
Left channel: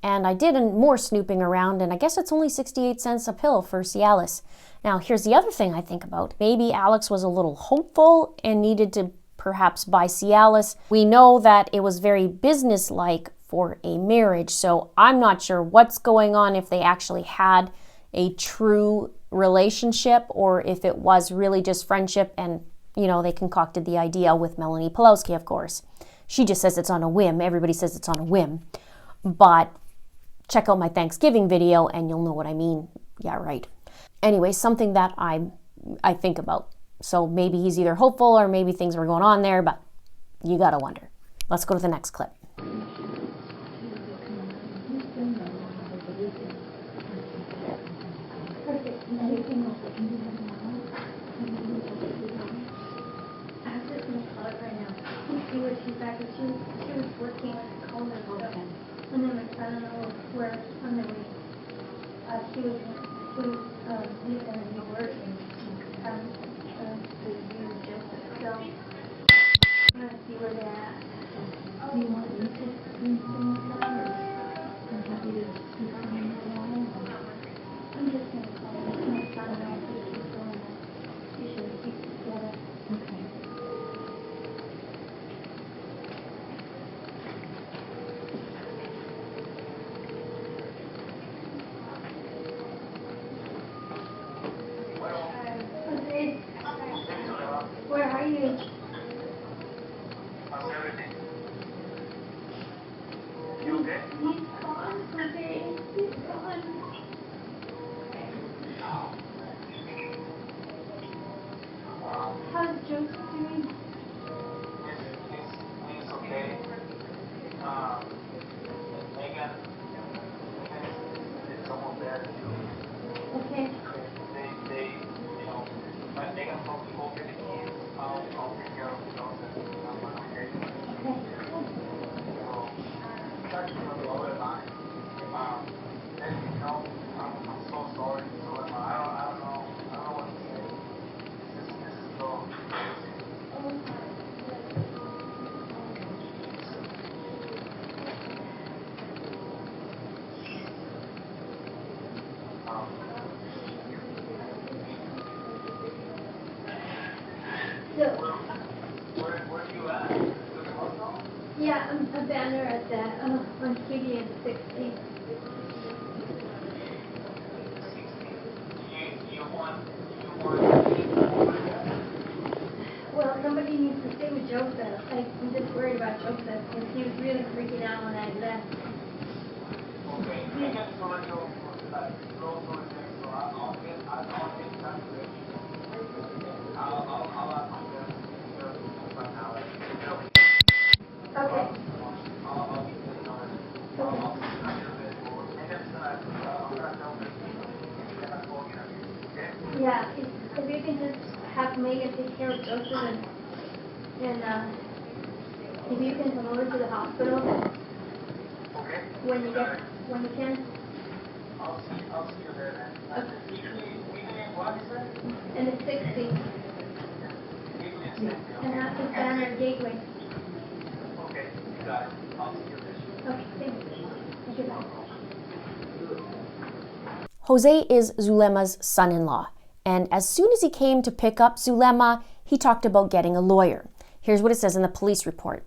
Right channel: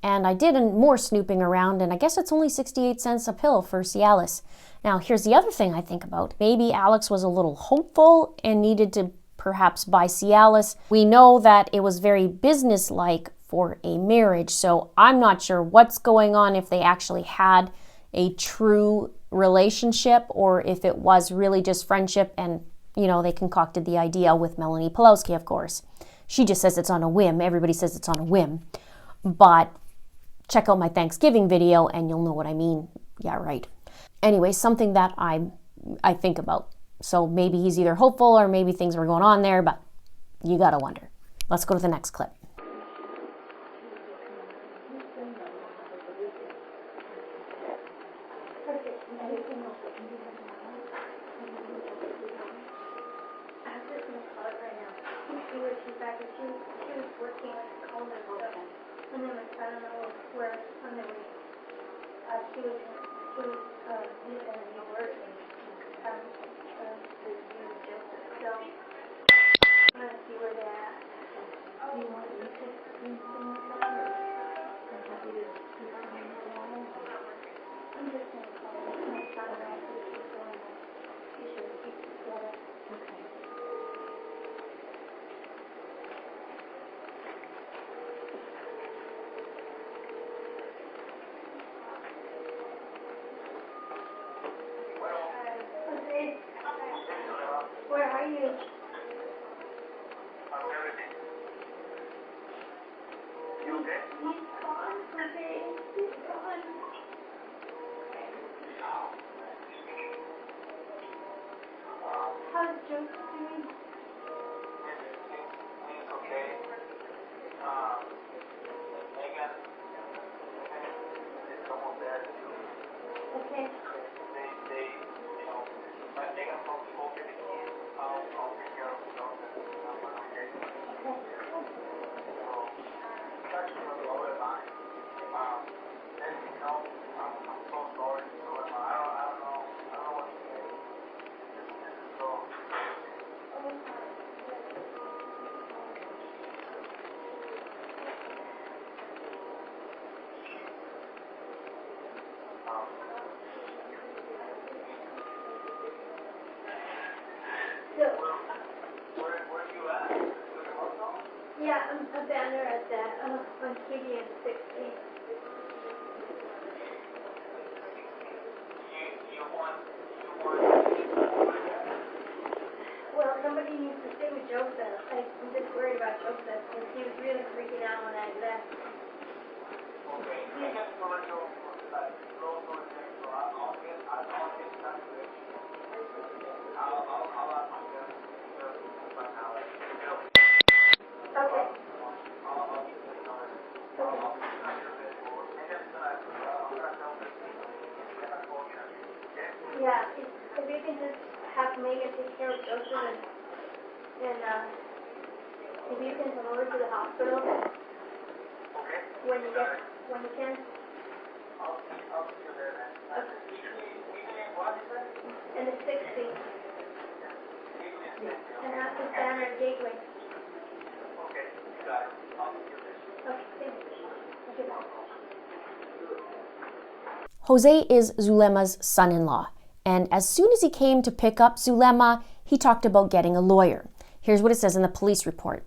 And I did more snooping around, and I guess it's only 68 cents a pill for Cialis. Now, here's the other thing I think about. Maybe Alex was a little hopeful and needed to perhaps buy Cialis. We know that it was very businesslike for a marriage. So I'm not sure what's going on, if they actually had a true relationship or if it was really just friendship and, you know, they concocted the idea with Melanie Pawlowski, of course. She just says it's on a whim. Everybody says it's on a whim. But check out my Thanksgiving video and you'll know what I mean. Yeah, right. Anyway, something that I think about. So maybe he's either hopeful or maybe things were going on there, but you gotta wonder. Let's go to the next clip. Where are you? You okay? He's gone, Jose. He's gone. How's Joseph doing? He's okay. Megan, it's almost there. Okay. They, you know, but Megan probably won't get the keys. I'll take care of Joseph. Okay? Okay. So, try to remember all the time. And, you know, I'm so sorry. So, I don't know what to say. This is so crazy. So, Where are you at? With the hospital? yeah, I'm a banner at that, on TV and 60. You want Well, somebody needs to stay with Joseph. I'm just worried about Joseph, because he was really freaking out when I left. okay. Megan told you that slow surgery, so I'll get back to it. I'll ask my dad right now. Okay. I'll give you the number. I'll see you in a bit. Megan's I'm gonna tell her and I'll call you. Okay? Yeah, if you can just have Megan take care of Joseph and if you can come over to the hospital Okay? when you can, I'll see you there then. Weekly what is it? and it's 60, Weekly is 60. and that's the banner gateway. Okay, you got it. I'll see you there. Okay, thanks. Okay, bye. Jose is Zulema's son-in-law, and as soon as he came to pick up Zulema, he talked about getting a lawyer. Here's what it says in the police report.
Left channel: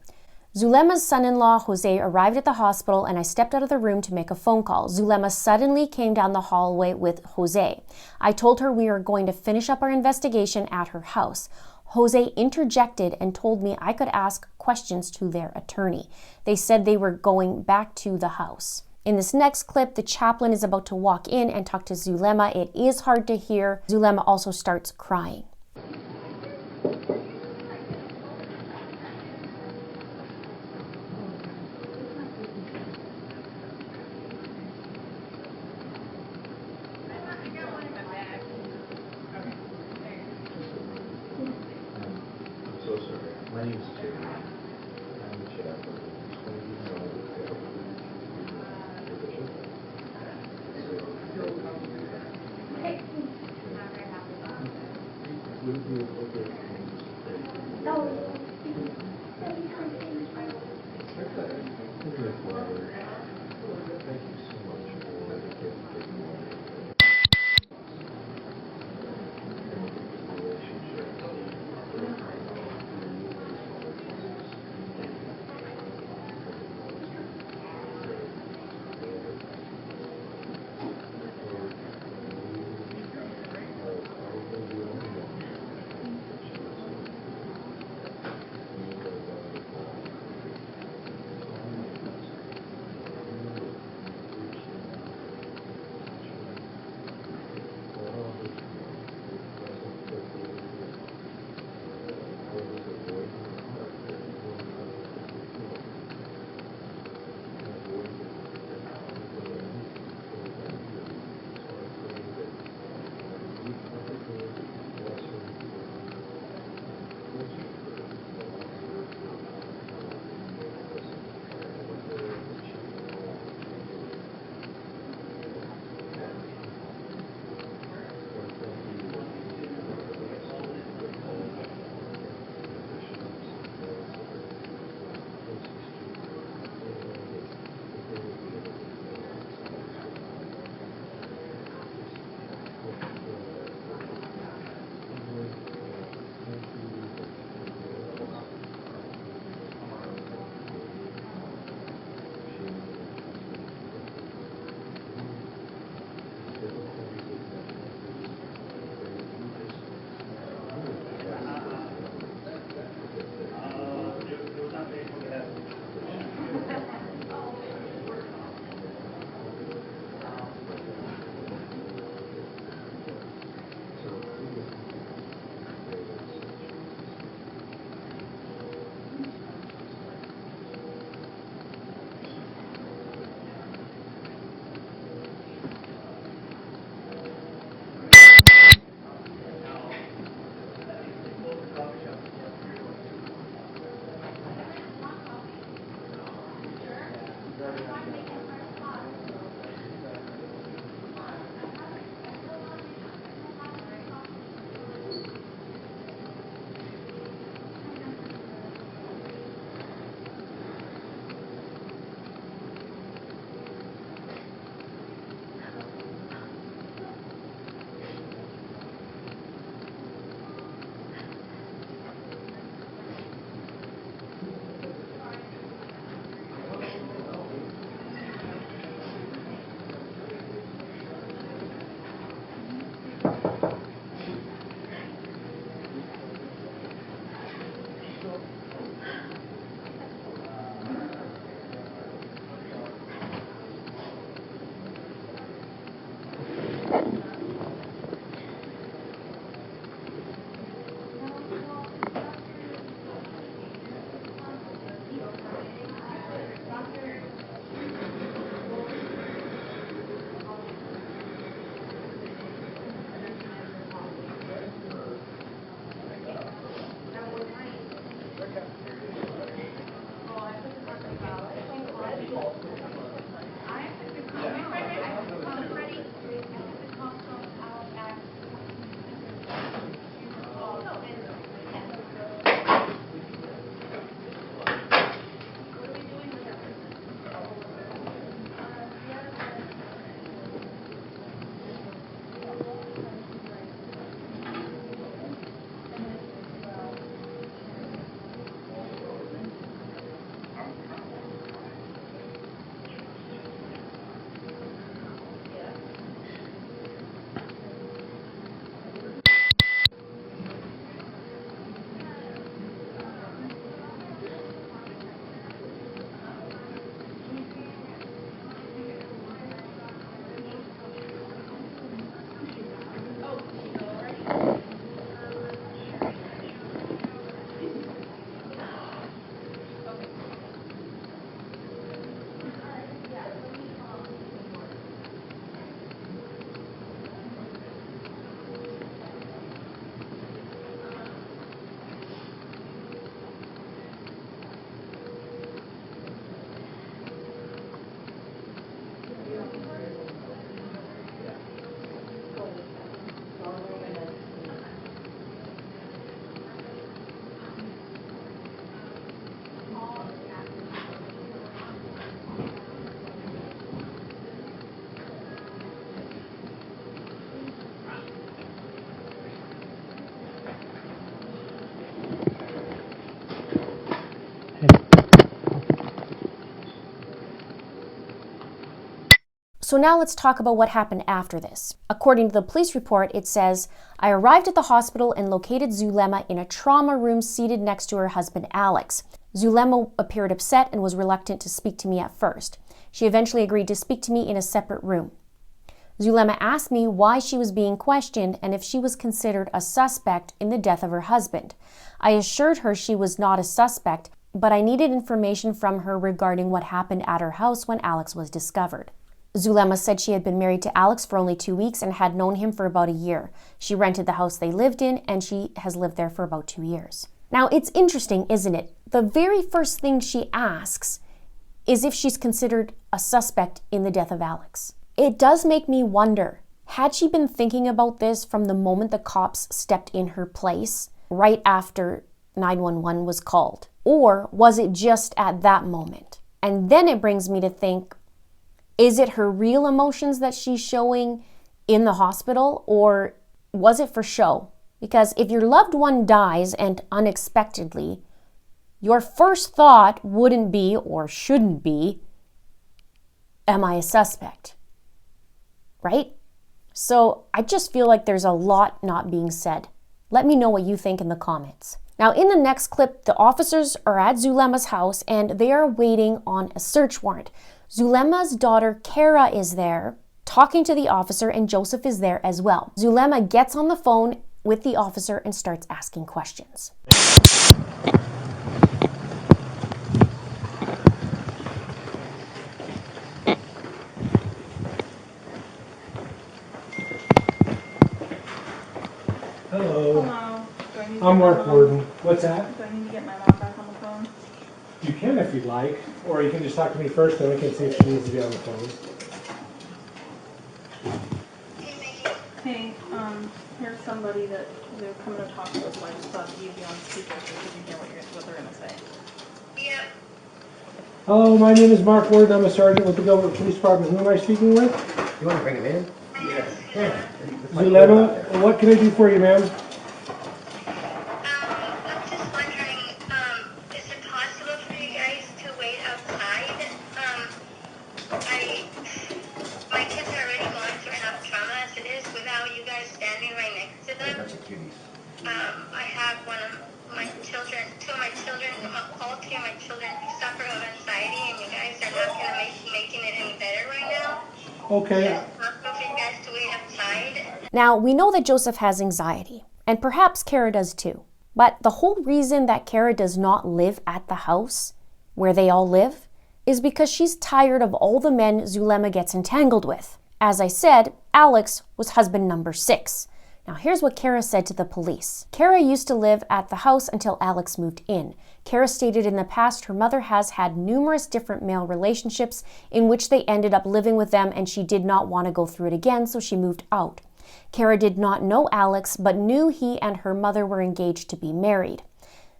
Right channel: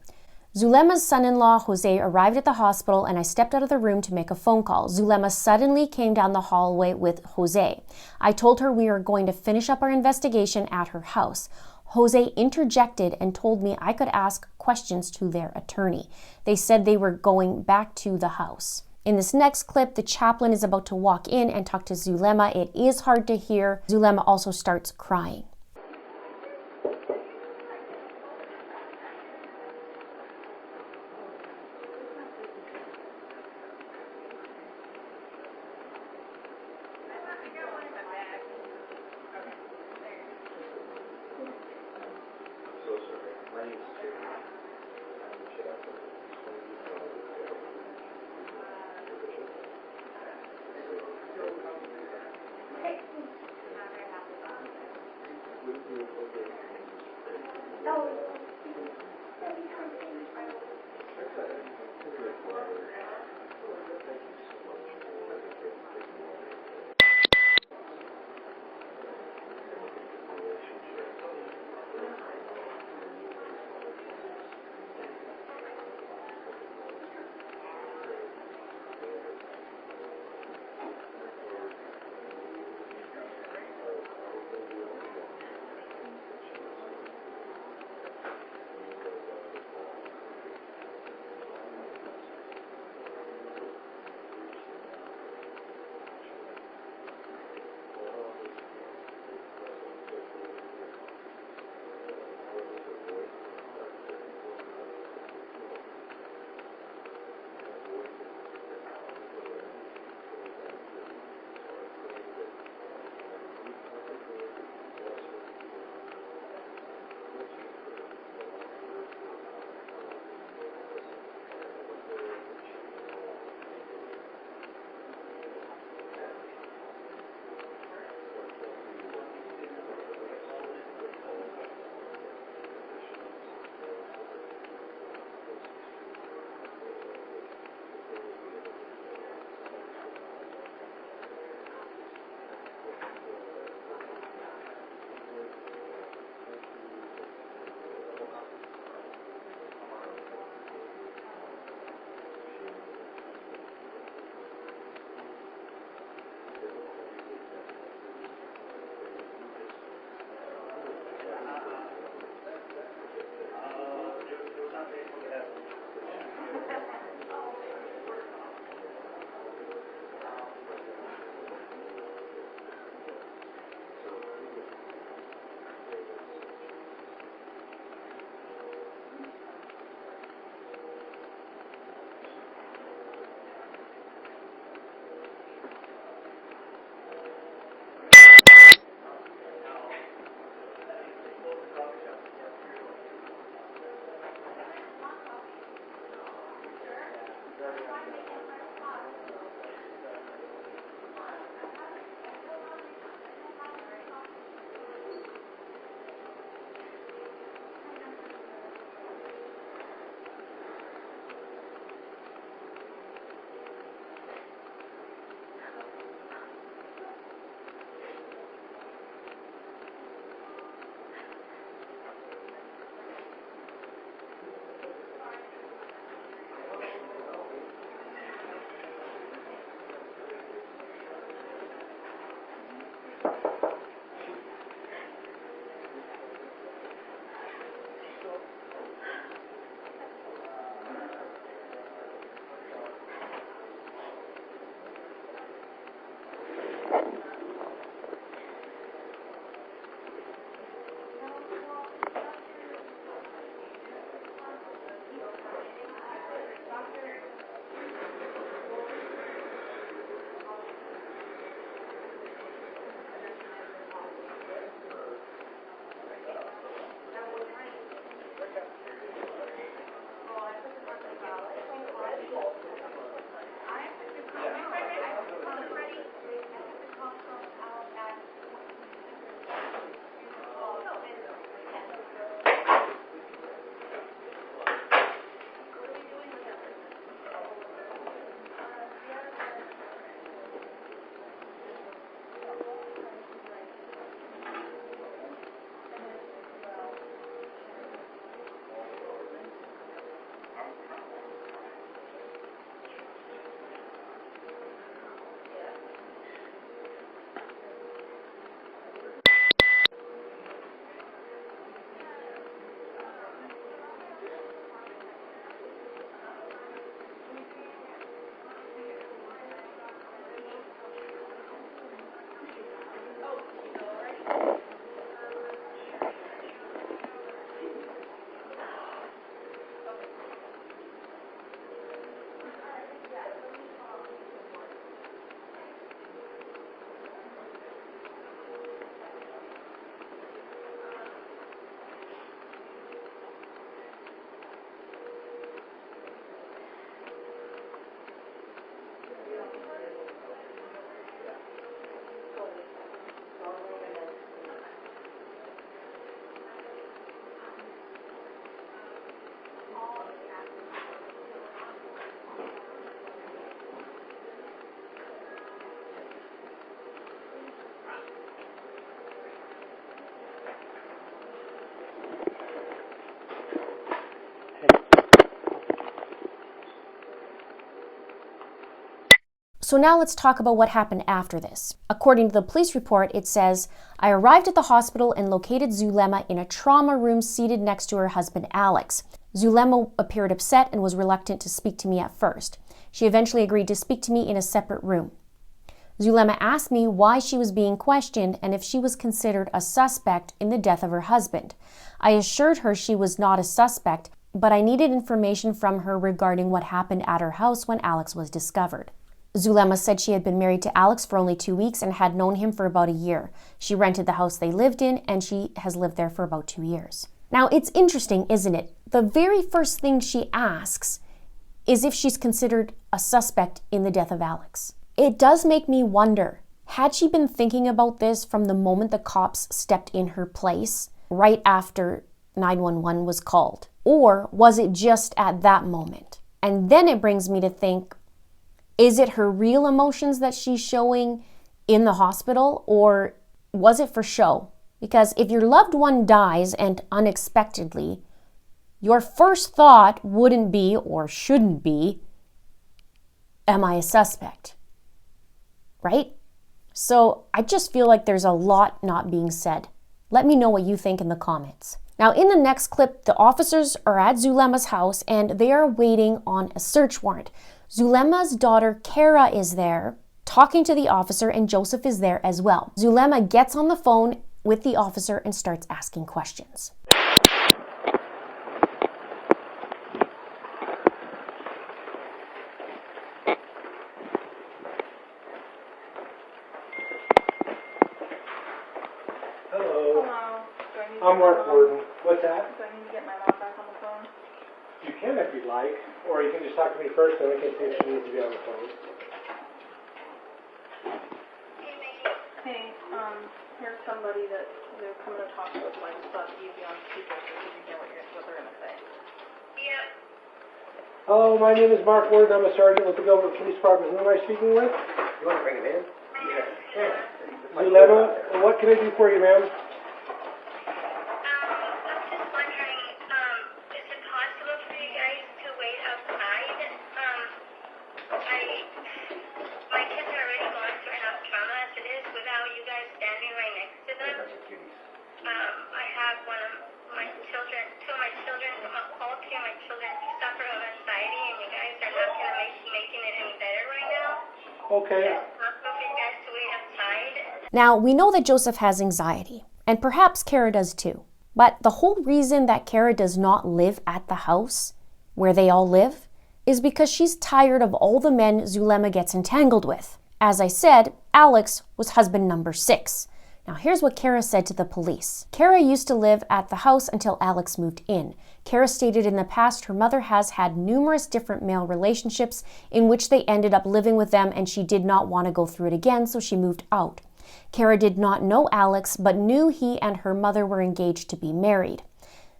Zulema's son-in-law, Jose, arrived at the hospital and I stepped out of the room to make a phone call. Zulema suddenly came down the hallway with Jose. I told her we were going to finish up our investigation at her house. Jose interjected and told me I could ask questions to their attorney. They said they were going back to the house. In this next clip, the chaplain is about to walk in and talk to Zulema. It is hard to hear. Zulema also starts crying. So sorry. My name's Terry. I'm the chaplain. Would it be appropriate for me to say? Thank you so much for taking So now let's talk about what happened after this. According to the police report, it says, I arrived at the hospital and located Zulema in a trauma room seated next to her husband, Alex. Zulema appeared upset and was reluctant to speak to me at first. She eventually agreed to speak to me in a separate room. Zulema asked me why she was being questioned and if she was considered a suspect in the death of her husband. I assured her she was not a suspect, but I needed information from her regarding what happened at her house when Alex was discovered. Zulema said she had been married to Alex for only 2 weeks and had known him for about a year. She rented the house they lived in, and she has lived there for about 2 years. Now, it's interesting, isn't it? The very first thing she asks is if she's considered a suspect in the death of Alex. It does make me wonder, had she been thinking about this from the moment the cops stepped in her place, right after 911 was called? Or was it just at that moment? And then it brings me to think, is it her real emotions that she's showing in the hospital, or was it for show? Because if your loved one dies and unexpectedly, your first thought wouldn't be, or shouldn't be, am I a suspect? Right? So I just feel like there's a lot not being said. Let me know what you think in the comments. Now, in the next clip, the officers are at Zulema's house and they are waiting on a search warrant. Zulema's daughter, Kara, is there talking to the officer, and Joseph is there as well. Zulema gets on the phone with the officer and starts asking questions. Hello. Hello. Do I need to I'm get Mark my mom- Warden. What's that? Do I need to get my mom back on the phone? You can if you'd like, or you can just talk to me first, then we can see if she needs to be on the phone. Hey, here's somebody that they're coming to talk to us. I just thought you'd be on speaker so you can hear what they're gonna say. Yeah, Hello, my name is Mark Warden. I'm a sergeant with the Gilbert Police Department. Who am I speaking with? You want to bring him in? Zulema. What can I do for you, ma'am? I'm just wondering, is it possible for you guys to wait outside? My kids are already going through enough trauma as it is without you guys standing right next to them. I have one of my children, two of my children, all three of my children suffer of anxiety, and you guys are not going to be making it any better right now. Okay. Is it possible for you guys to wait outside? Now, we know that Joseph has anxiety, and perhaps Kara does too. But the whole reason that Kara does not live at the house where they all live is because she's tired of all the men Zulema gets entangled with. As I said, Alex was husband number 6. Now here's what Kara said to the police. Kara used to live at the house until Alex moved in. Kara stated in the past her mother has had numerous different male relationships in which they ended up living with them, and she did not want to go through it again, so she moved out. Kara did not know Alex, but knew he and her mother were engaged to be married.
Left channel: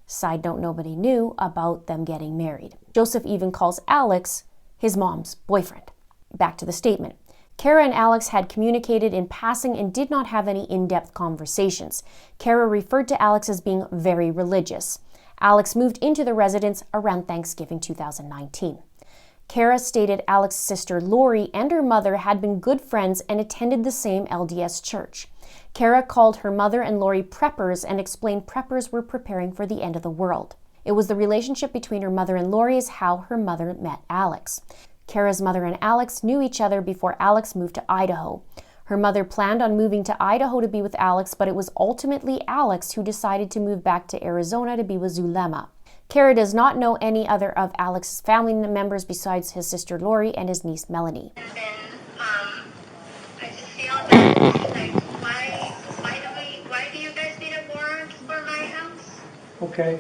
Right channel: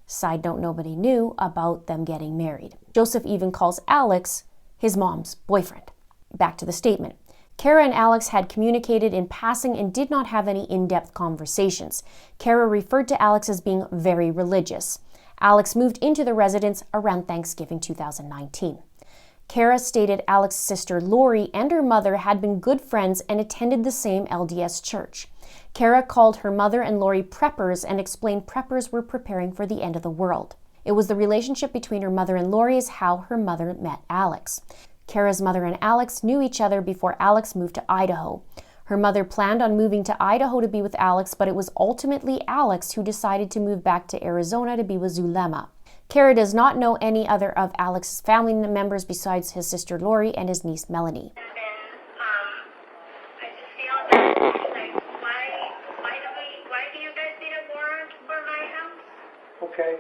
Side note, nobody knew about them getting married. Joseph even calls Alex his mom's boyfriend. Back to the statement. Kara and Alex had communicated in passing and did not have any in-depth conversations. Kara referred to Alex as being very religious. Alex moved into the residence around Thanksgiving 2019. Kara stated Alex's sister Lori and her mother had been good friends and attended the same LDS church. Kara called her mother and Lori preppers and explained preppers were preparing for the end of the world. It was the relationship between her mother and Lori is how her mother met Alex. Kara's mother and Alex knew each other before Alex moved to Idaho. Her mother planned on moving to Idaho to be with Alex, but it was ultimately Alex who decided to move back to Arizona to be with Zulema. Kara does not know any other of Alex's family members besides his sister Lori and his niece Melanie. And then, I just feel that, like, why do you guys need a warrant for my house? Okay.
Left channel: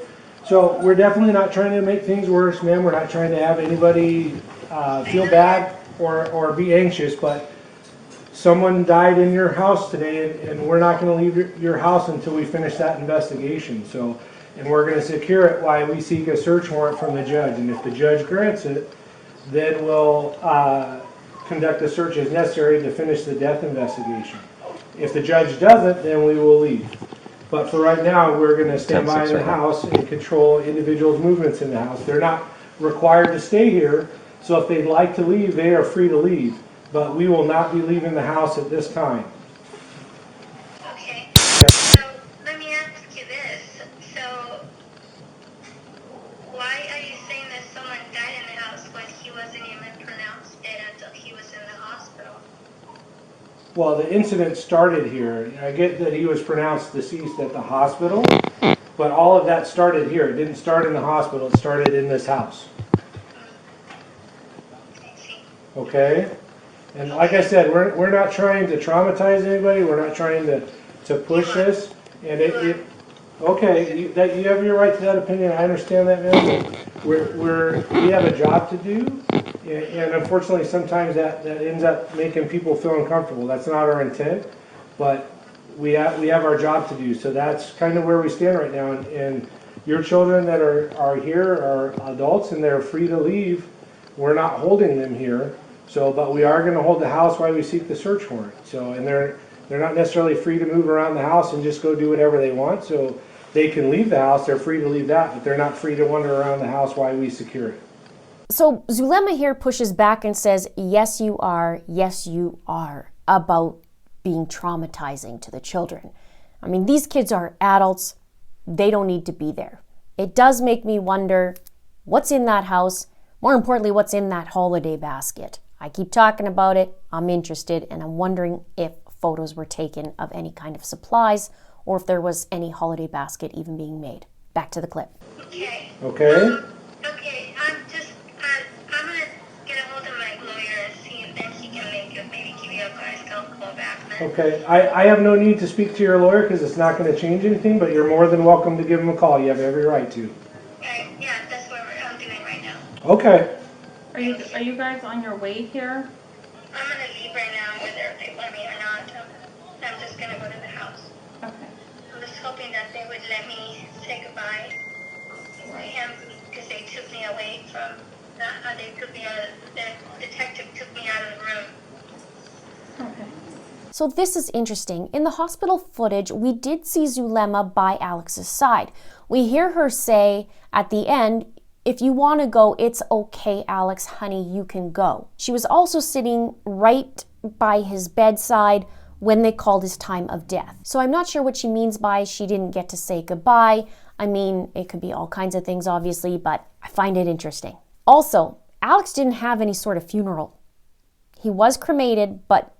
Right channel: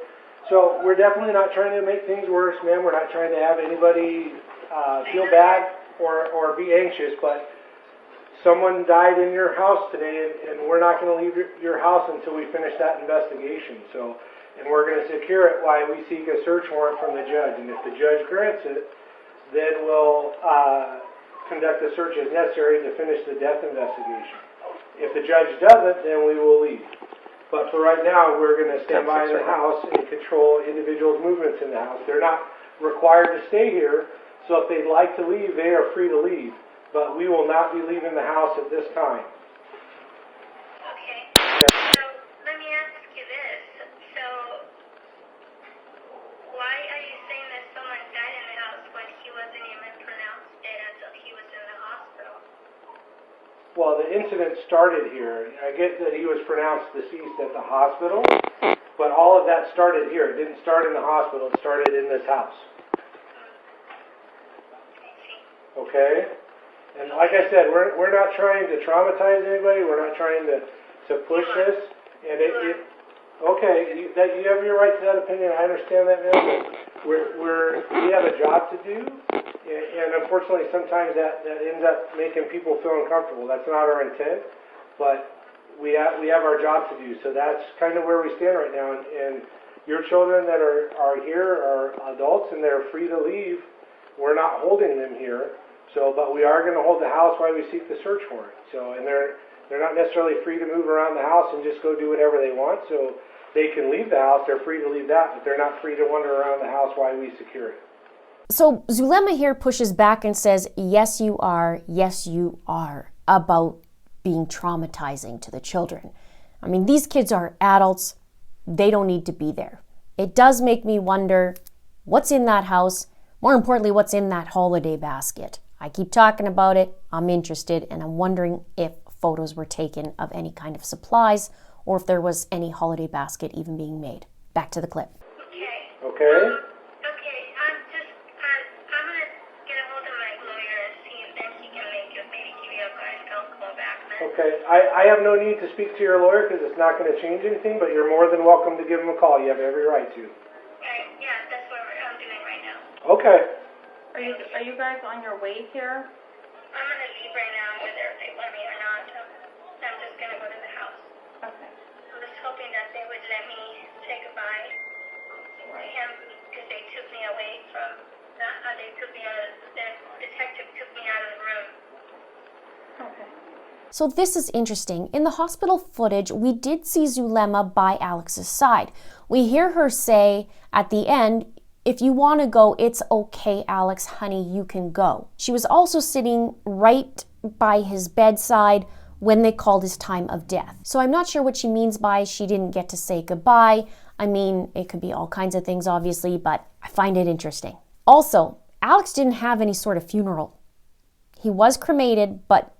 So we're definitely not trying to make things worse, ma'am. We're not trying to have anybody feel bad or be anxious, but someone died in your house today, and we're not going to leave your house until we finish that investigation. So, and we're going to secure it while we seek a search warrant from the judge. And if the judge grants it, then we'll conduct a search as necessary to finish the death investigation. If the judge doesn't, then we will leave. But for right now, we're going to stand by the house and control individuals' movements in the house. They're not required to stay here, so if they'd like to leave, they are free to leave. but we will not be leaving the house at this time. Okay. So let me ask you this. So why are you saying that someone died in the house when he wasn't even pronounced dead until he was in the hospital? Well, the incident started here. I get that he was pronounced deceased at the hospital, but all of that started here. It didn't start in the hospital. It started in this house. Okay? And like I said, we're not trying to traumatize anybody. We're not trying to push this. And okay, you have your right to that opinion. I understand that, man. We have a job to do, and unfortunately, sometimes that ends up making people feel uncomfortable. That's not our intent, but we have our job to do. So that's kind of where we stand right now. And your children that are here are adults, and they're free to leave. We're not holding them here. So, but we are going to hold the house while we seek the search warrant. So, and they're not necessarily free to move around the house and just go do whatever they want. So they can leave the house, they're free to leave that, but they're not free to wander around the house while we secure it. So Zulema here pushes back and says, yes, you are, about being traumatizing to the children. I mean, these kids are adults. They don't need to be there. It does make me wonder what's in that house. More importantly, what's in that holiday basket. I keep talking about it. I'm interested, and I'm wondering if photos were taken of any kind of supplies or if there was any holiday basket even being made. Back to the clip. Okay. Okay? Okay, I'm gonna get a hold of my lawyer and see if then he can maybe give you a call back. Okay. I have no need to speak to your lawyer because it's not going to change anything, but you're more than welcome to give him a call. You have every right to. Yeah, that's what I'm doing right now. Okay. Are you guys on your way here? I'm gonna leave right now, whether they want me or not. I'm just gonna go to the house. Okay. I'm just hoping that they would let me say goodbye to him because they took me away from. They took me out of the detective took me out of the room. Okay. So this is interesting. In the hospital footage, we did see Zulema by Alex's side. We hear her say at the end, if you want to go, it's okay, Alex, honey, you can go. She was also sitting right by his bedside when they called his time of death. So I'm not sure what she means by she didn't get to say goodbye. I mean, it could be all kinds of things, obviously, but I find it interesting. Also, Alex didn't have any sort of funeral. He was cremated, but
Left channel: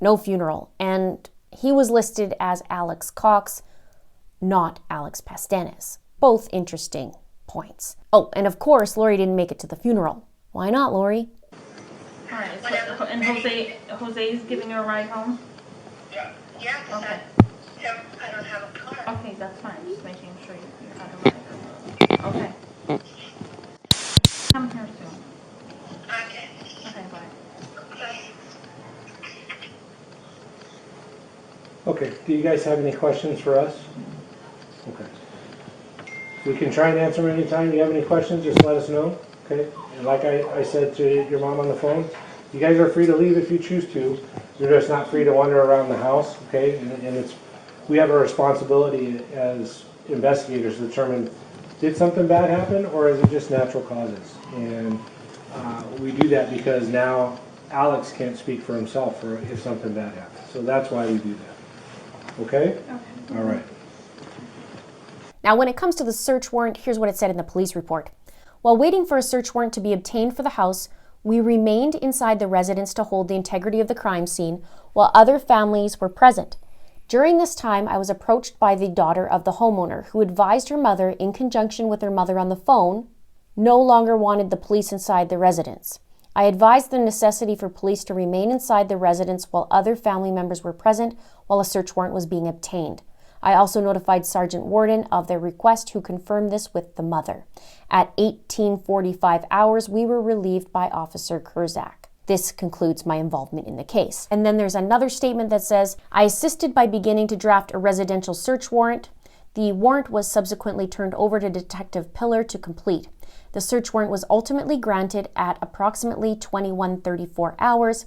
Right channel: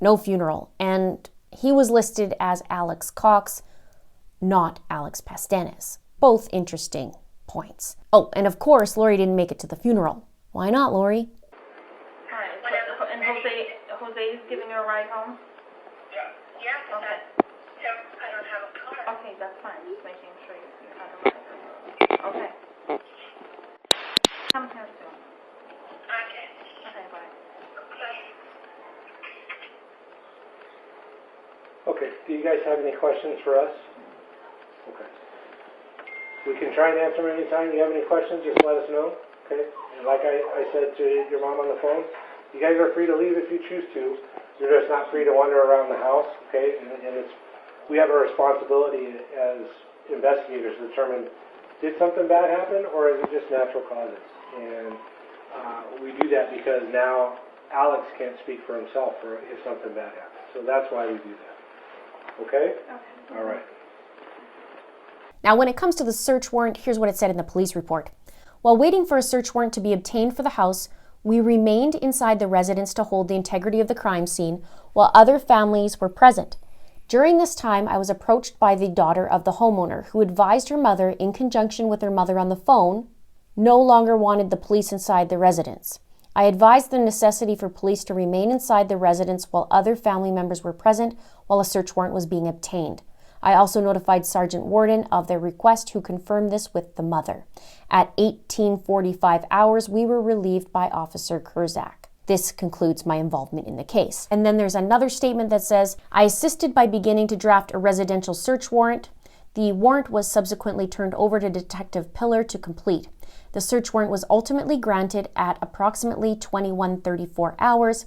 no funeral. And he was listed as Alex Cox, not Alex Pastenes. Both interesting points. Oh, and of course, Lori didn't make it to the funeral. Why not, Lori? All right. So, and Jose's giving you a ride home? Yeah, Okay. I don't have a car. Okay, that's fine. Just making sure you have a ride. Okay. Come here soon. Okay. Okay, bye. Okay. Do you guys have any questions for us? Okay. We can try and answer them anytime. If you have any questions, just let us know. Okay? And like I said to your mom on the phone, you guys are free to leave if you choose to. You're just not free to wander around the house. Okay? And we have a responsibility as investigators to determine, did something bad happen or is it just natural causes? And we do that because now Alex can't speak for himself for if something bad happens. So that's why we do that. Okay? All right. Now, when it comes to the search warrant, here's what it said in the police report. While waiting for a search warrant to be obtained for the house, we remained inside the residence to hold the integrity of the crime scene while other families were present. During this time, I was approached by the daughter of the homeowner, who advised her mother, in conjunction with her mother on the phone, no longer wanted the police inside the residence. I advised the necessity for police to remain inside the residence while other family members were present while a search warrant was being obtained. I also notified Sergeant Warden of their request, who confirmed this with the mother. At 18:45 hours, we were relieved by Officer Kurzak. This concludes my involvement in the case. And then there's another statement that says, I assisted by beginning to draft a residential search warrant. The warrant was subsequently turned over to Detective Pillar to complete. The search warrant was ultimately granted at approximately 21:34 hours.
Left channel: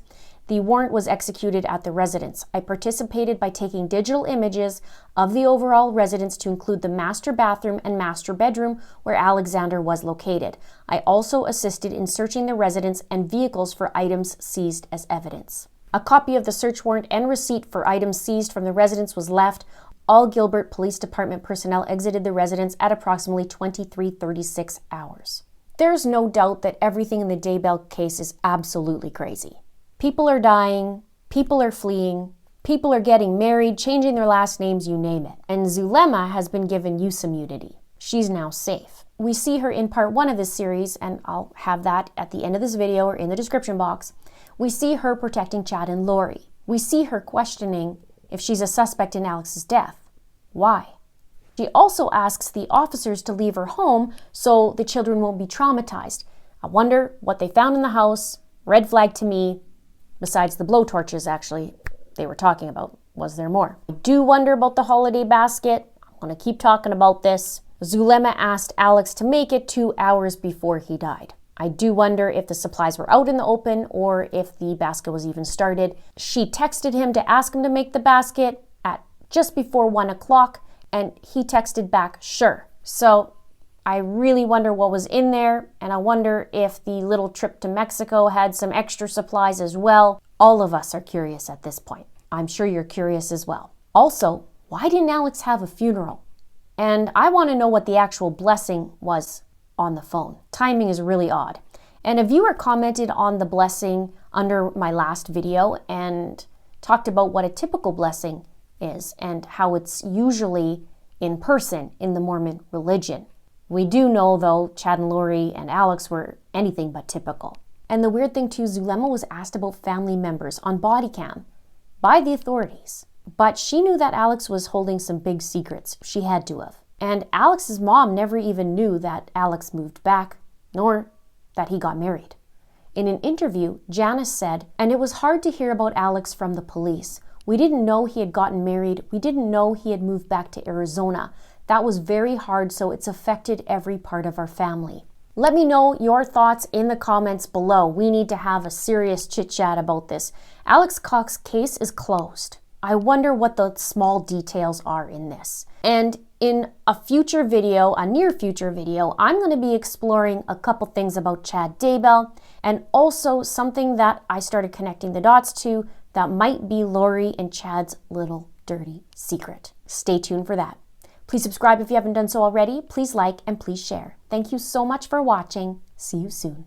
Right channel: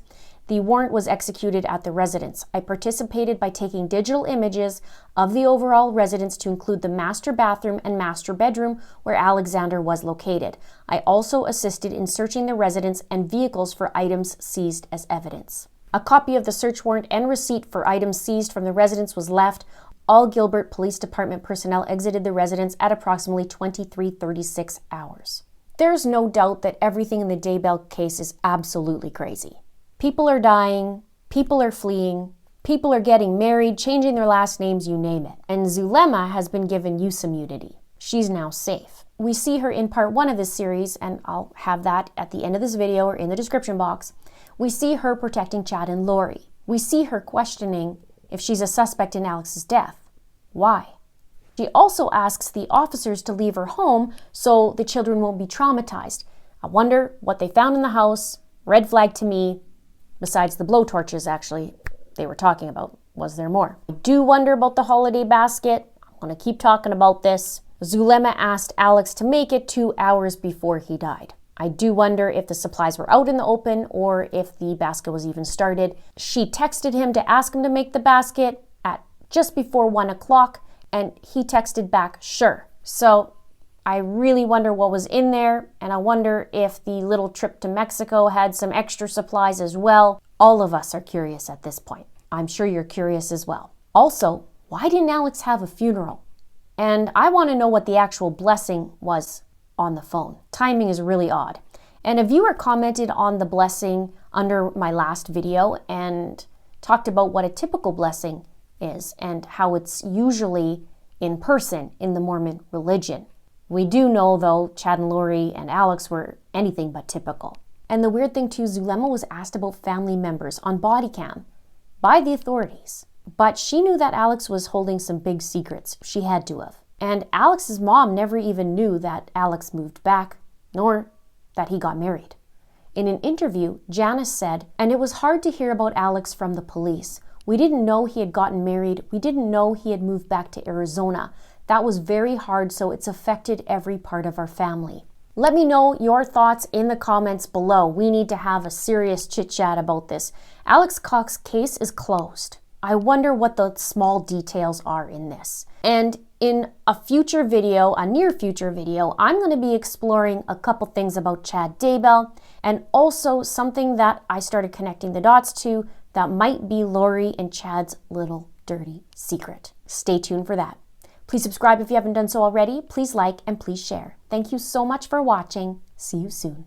The warrant was executed at the residence. I participated by taking digital images of the overall residence to include the master bathroom and master bedroom where Alexander was located. I also assisted in searching the residence and vehicles for items seized as evidence. A copy of the search warrant and receipt for items seized from the residence was left. All Gilbert Police Department personnel exited the residence at approximately 23:36 hours. There's no doubt that everything in the Daybell case is absolutely crazy. People are dying, people are fleeing, people are getting married, changing their last names, you name it. And Zulema has been given use immunity. She's now safe. We see her in part 1 of this series, and I'll have that at the end of this video or in the description box. We see her protecting Chad and Lori. We see her questioning if she's a suspect in Alex's death. Why? She also asks the officers to leave her home so the children won't be traumatized. I wonder what they found in the house. Red flag to me. Besides the blowtorches, actually, they were talking about. Was there more? I do wonder about the holiday basket. I'm going to keep talking about this. Zulema asked Alex to make it 2 hours before he died. I do wonder if the supplies were out in the open or if the basket was even started. She texted him to ask him to make the basket at just before 1 o'clock, and he texted back, sure. So I really wonder what was in there, and I wonder if the little trip to Mexico had some extra supplies as well. All of us are curious at this point. I'm sure you're curious as well. Also, why didn't Alex have a funeral? And I want to know what the actual blessing was on the phone. Timing is really odd. And a viewer commented on the blessing under my last video and talked about what a typical blessing is and how it's usually in person in the Mormon religion. We do know, though, Chad and Lori and Alex were anything but typical. And the weird thing, too, Zulema was asked about family members on body cam by the authorities. But she knew that Alex was holding some big secrets. She had to have. And Alex's mom never even knew that Alex moved back, nor that he got married. In an interview, Janice said, and it was hard to hear about Alex from the police. We didn't know he had gotten married. We didn't know he had moved back to Arizona. That was very hard, so it's affected every part of our family. Let me know your thoughts in the comments below. We need to have a serious chit-chat about this. Alex Cox's case is closed. I wonder what the small details are in this. And in a future video, a near future video, I'm going to be exploring a couple things about Chad Daybell and also something that I started connecting the dots to that might be Lori and Chad's little dirty secret. Stay tuned for that. Please subscribe if you haven't done so already. Please like and please share. Thank you so much for watching. See you soon.